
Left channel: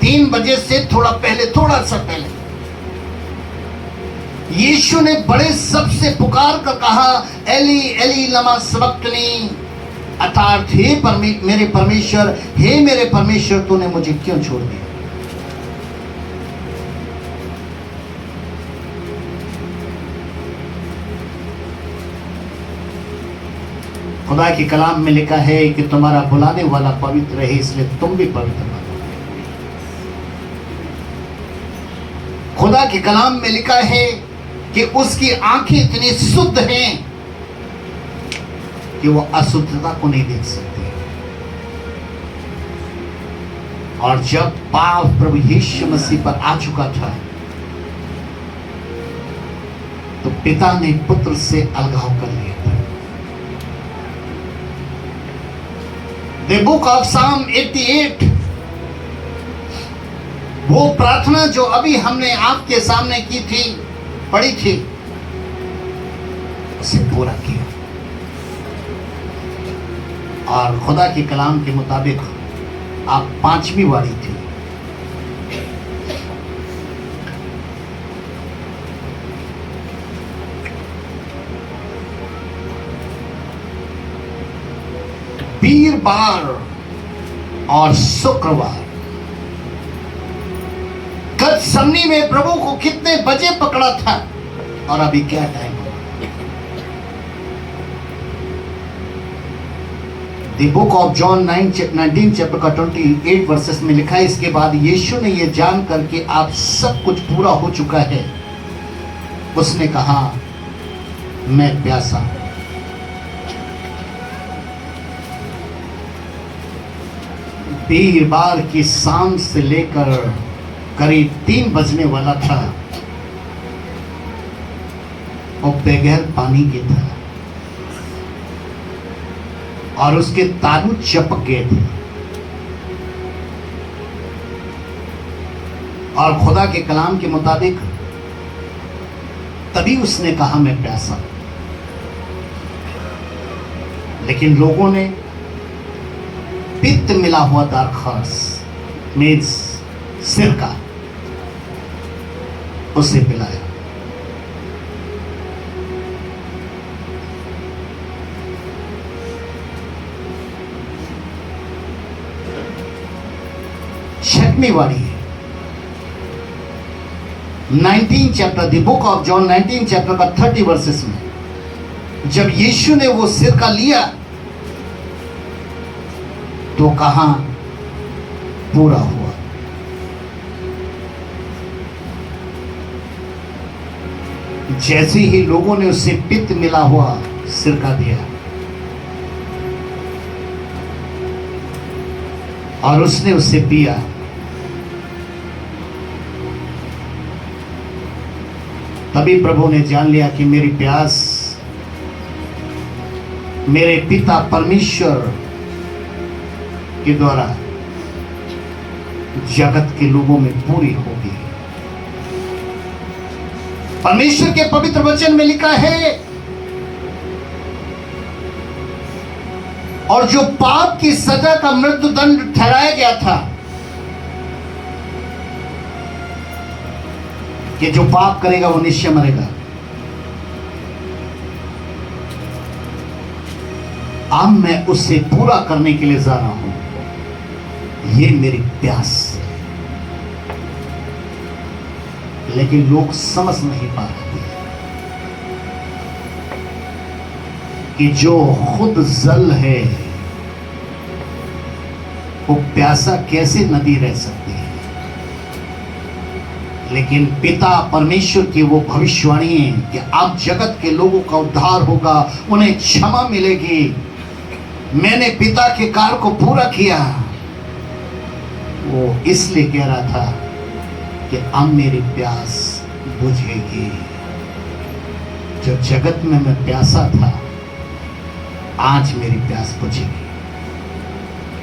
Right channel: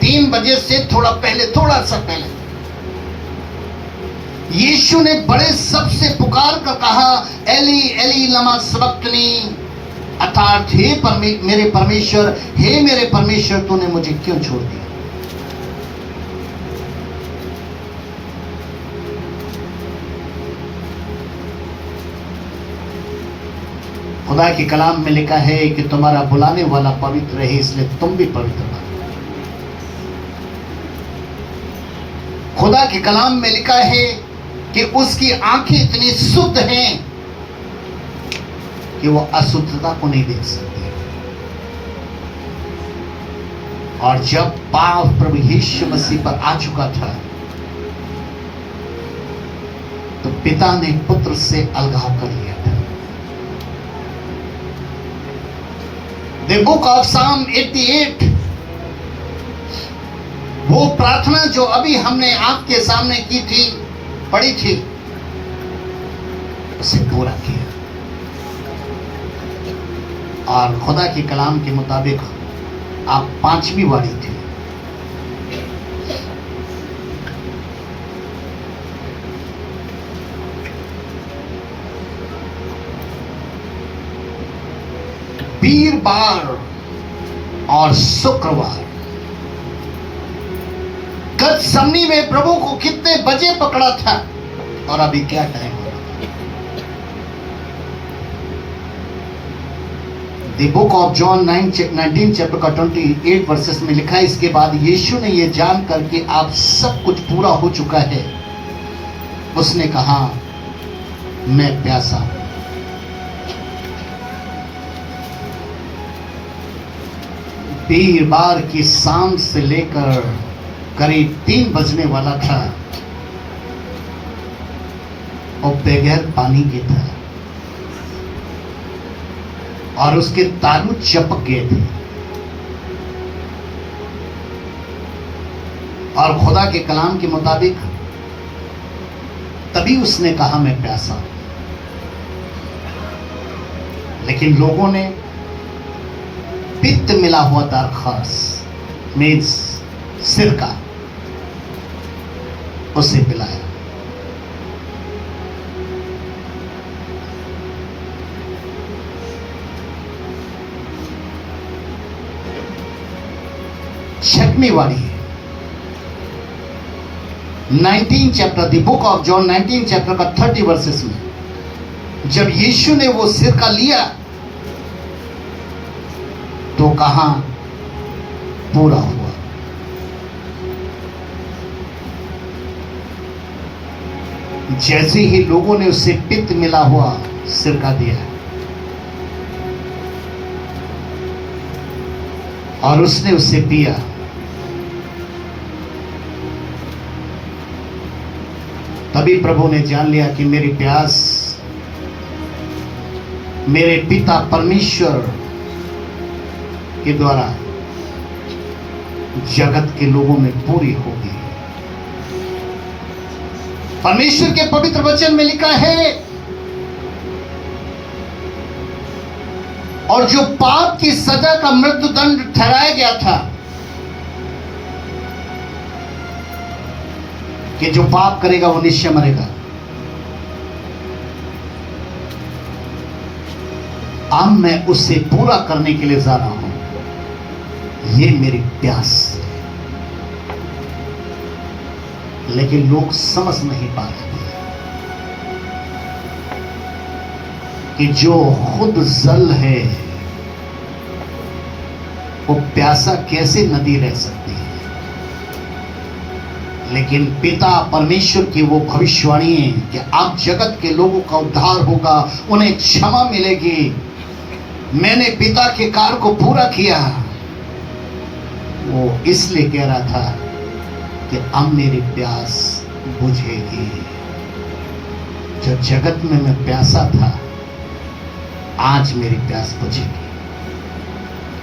3 बजे से थोड़ा पहले, थोड़ा सा पहले, यीशु ने बड़े सबसे पुकार कर कहा, एली एली लमा सबक्तनी, अर्थात हे मेरे परमेश्वर, हे मेरे परमेश्वर, तूने मुझे क्यों छोड़ दिया? खुदा के कलाम में लिखा है कि तुम्हारा बुलाने वाला पवित्र है, इसलिए तुम भी पवित्र बनो। खुदा के कलाम में लिखा है कि उसकी आंखें इतनी शुद्ध हैं कि वो अशुद्धता को नहीं देख सकती। और जब पाप प्रभु यीशु मसीह पर आ चुका था तो पिता ने पुत्र से अलगाव कर लिया था। द बुक ऑफ साम 88, वो प्रार्थना जो अभी हमने आपके सामने की थी, पढ़ी थी, उसे पूरा किया। और खुदा के कलाम के मुताबिक आप 5वीं वारी थी। वीरवार और शुक्रवार गतसमनी में प्रभु को कितने बजे पकड़ा था और अभी क्या टाइम है? The book of John 19 chapter का 28 वर्सेस में लिखा है, इसके बाद यीशु ने यह जान करके आप सब कुछ पूरा हो चुका है, उसने कहा मैं प्यासा हूं। वीरवार की शाम से लेकर करीब 3 बजने वाला था और बगैर पानी के था और उसके तालू चपक गए थे और खुदा के कलाम के मुताबिक तभी उसने कहा मैं प्यासा हूं। लेकिन लोगों ने पित्त मिला हुआ दारखास मेज सिरका उसे पिलाया। छठवीं वारी है 19 chapter, the book of John 19 chapter का 30 वर्सेस में जब यीशु ने वो सिरका लिया तो कहा पूरा हुआ। जैसे ही लोगों ने उसे पित्त मिला हुआ सिरका दिया और उसने उसे पिया, तभी प्रभु ने जान लिया कि मेरी प्यास मेरे पिता परमेश्वर के द्वारा जगत के लोगों में पूरी होगी। परमेश्वर के पवित्र वचन में लिखा है, और जो पाप की सजा का मृत्युदंड ठहराया गया था कि जो पाप करेगा वो निश्चय मरेगा, अब मैं उसे पूरा करने के लिए जा रहा हूं। ये मेरी प्यास है। लेकिन लोग समझ नहीं पा रहे कि जो खुद जल है वो प्यासा कैसे नदी रह सकती है। लेकिन पिता परमेश्वर की वो भविष्यवाणी है कि अब जगत के लोगों का उद्धार होगा, उन्हें क्षमा मिलेगी। मैंने पिता के कार्य को पूरा किया। वो इसलिए कह रहा था कि अब मेरी प्यास बुझेगी। जो जगत में मैं प्यासा था, आज मेरी प्यास बुझेगी।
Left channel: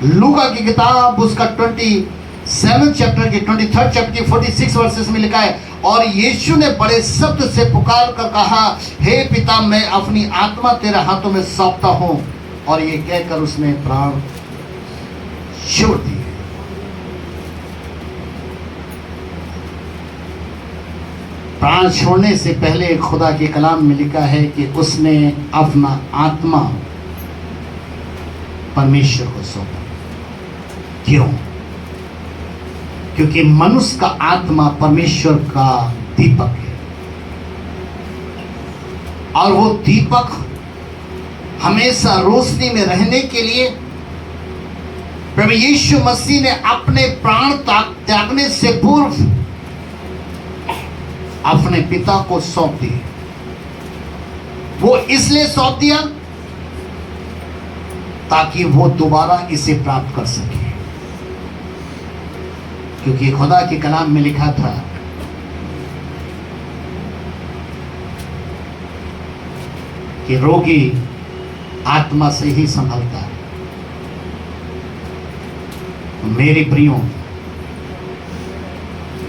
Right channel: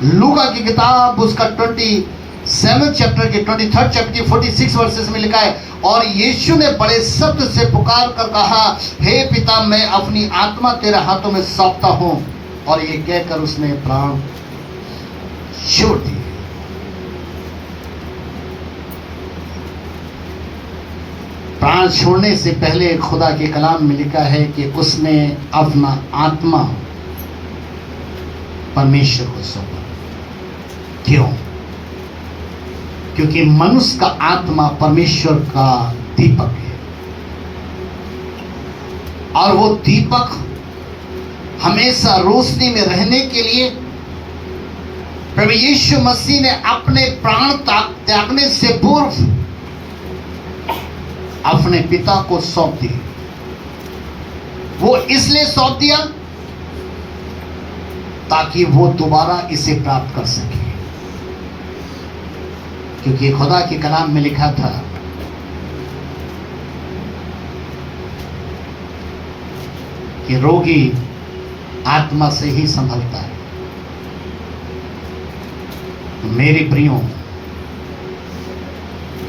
लूका की किताब उसका 27 चैप्टर की 23 चैप्टर की 46 वर्सेस में लिखा है, और यीशु ने बड़े शब्द से पुकार कर कहा, हे पिता, मैं अपनी आत्मा तेरे हाथों में सौंपता हूं। और ये कहकर उसने प्राण छोड़ दिए। प्राण छोड़ने से पहले खुदा के कलाम में लिखा है कि उसने अपना आत्मा परमेश्वर को सौंपा। क्यों? क्योंकि मनुष्य का आत्मा परमेश्वर का दीपक है, और वो दीपक हमेशा रोशनी में रहने के लिए प्रभु यीशु मसीह ने अपने प्राण त्यागने से पूर्व अपने पिता को सौंप दी। वो इसलिए सौंप दिया ताकि वो दोबारा इसे प्राप्त कर सके, क्योंकि खुदा के कलाम में लिखा था कि रोगी आत्मा से ही संभलता है। मेरे प्रियो,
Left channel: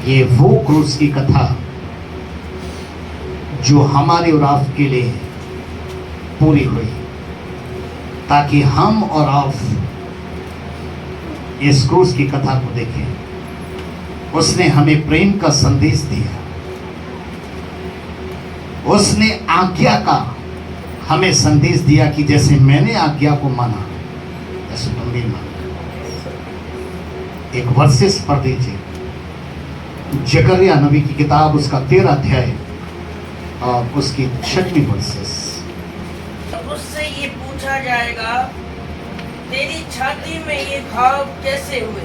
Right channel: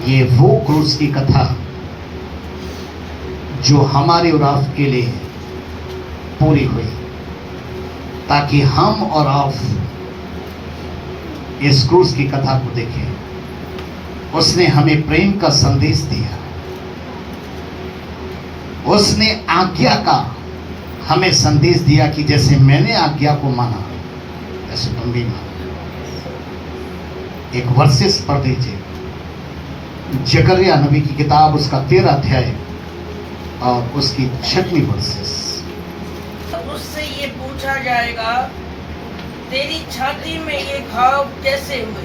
ये वो क्रूस की कथा जो हमारे और आपके लिए पूरी हुई, ताकि हम और आप इस क्रूस की कथा को देखें। उसने हमें प्रेम का संदेश दिया, उसने आज्ञा का हमें संदेश दिया कि जैसे मैंने आज्ञा को माना ऐसे तुम भी मानो। एक वर्सेस पढ़ दीजिए, जकरिया नबी की किताब, उसका 13 अध्याय और उसकी 6वीं वर्सेस। तब उससे ये पूछा जाएगा, तेरी छाती में ये घाव कैसे हुए?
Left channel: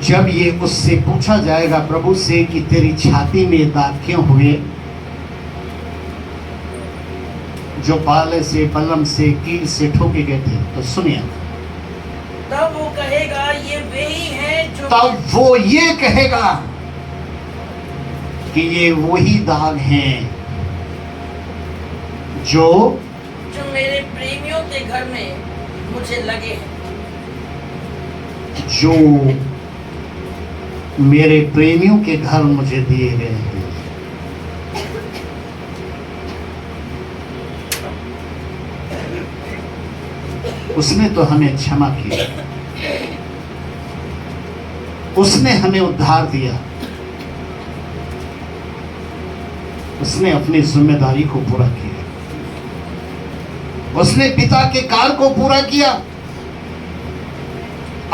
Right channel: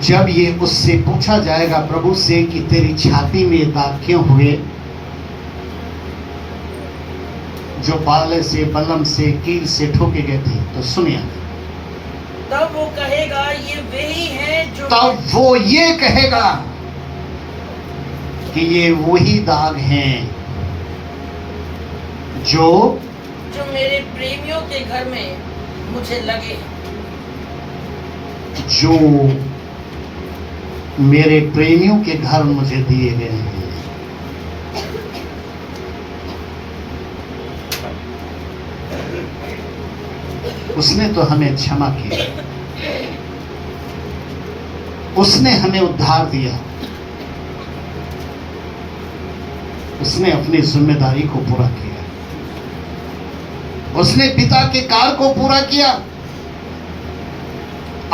जब ये उससे पूछा जाएगा प्रभु से कि तेरी छाती में दाग क्यों हुए, जो बाले से, बलम से, कील से ठोके गए थे, तो सुनिए। तब वो कहेगा, ये वही है जो तब वो ये कहेगा कि ये वही दाग हैं जो मेरे प्रेमियों के घर में मुझे लगे हैं। जो मेरे प्रेमियों के घर मुझे दिए गए हैं। उसने तो हमें क्षमा किया, उसने हमें उद्धार दिया, उसने अपनी जिम्मेदारी को पूरा किया, उसने पिता के कार्य को पूरा किया,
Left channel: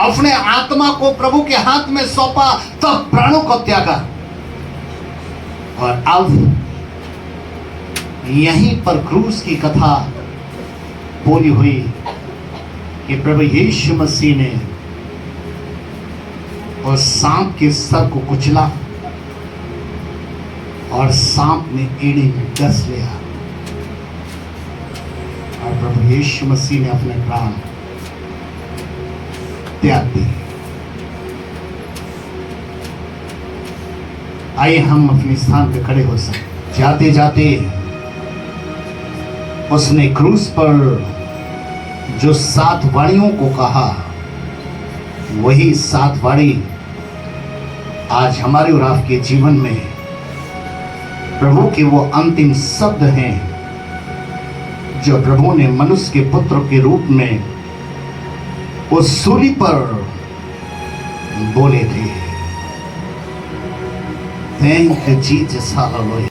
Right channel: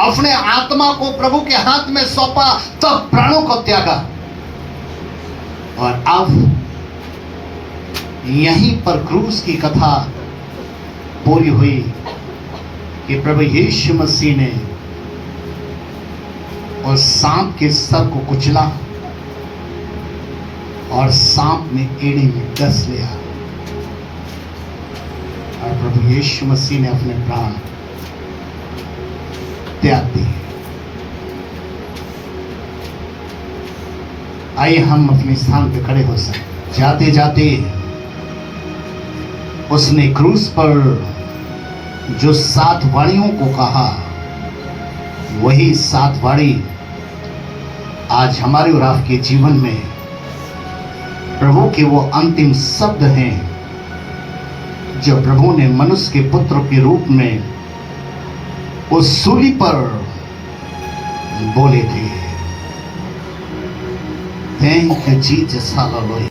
अपने आत्मा को प्रभु के हाथ में सौंपा, तब प्राणों को त्यागा। और अब यहीं पर क्रूस की कथा पूरी हुई कि प्रभु यीशु मसीह ने उस सांप के सर को कुचला और सांप ने एड़ी में डस लिया, और प्रभु यीशु मसीह ने अपने प्राण त्याग दिए। आइए हम अपने स्थान पे खड़े हो सकते। जाते जाते उसने क्रूस पर जो 7 वाणियों को कहा, वही 7 वाणी आज हमारे और आपके जीवन में प्रभु के वो अंतिम शब्द हैं जो प्रभु ने मनुष्य के पुत्र के रूप में उस सूली पर बोले थे। Thank you Jesus, hallelujah.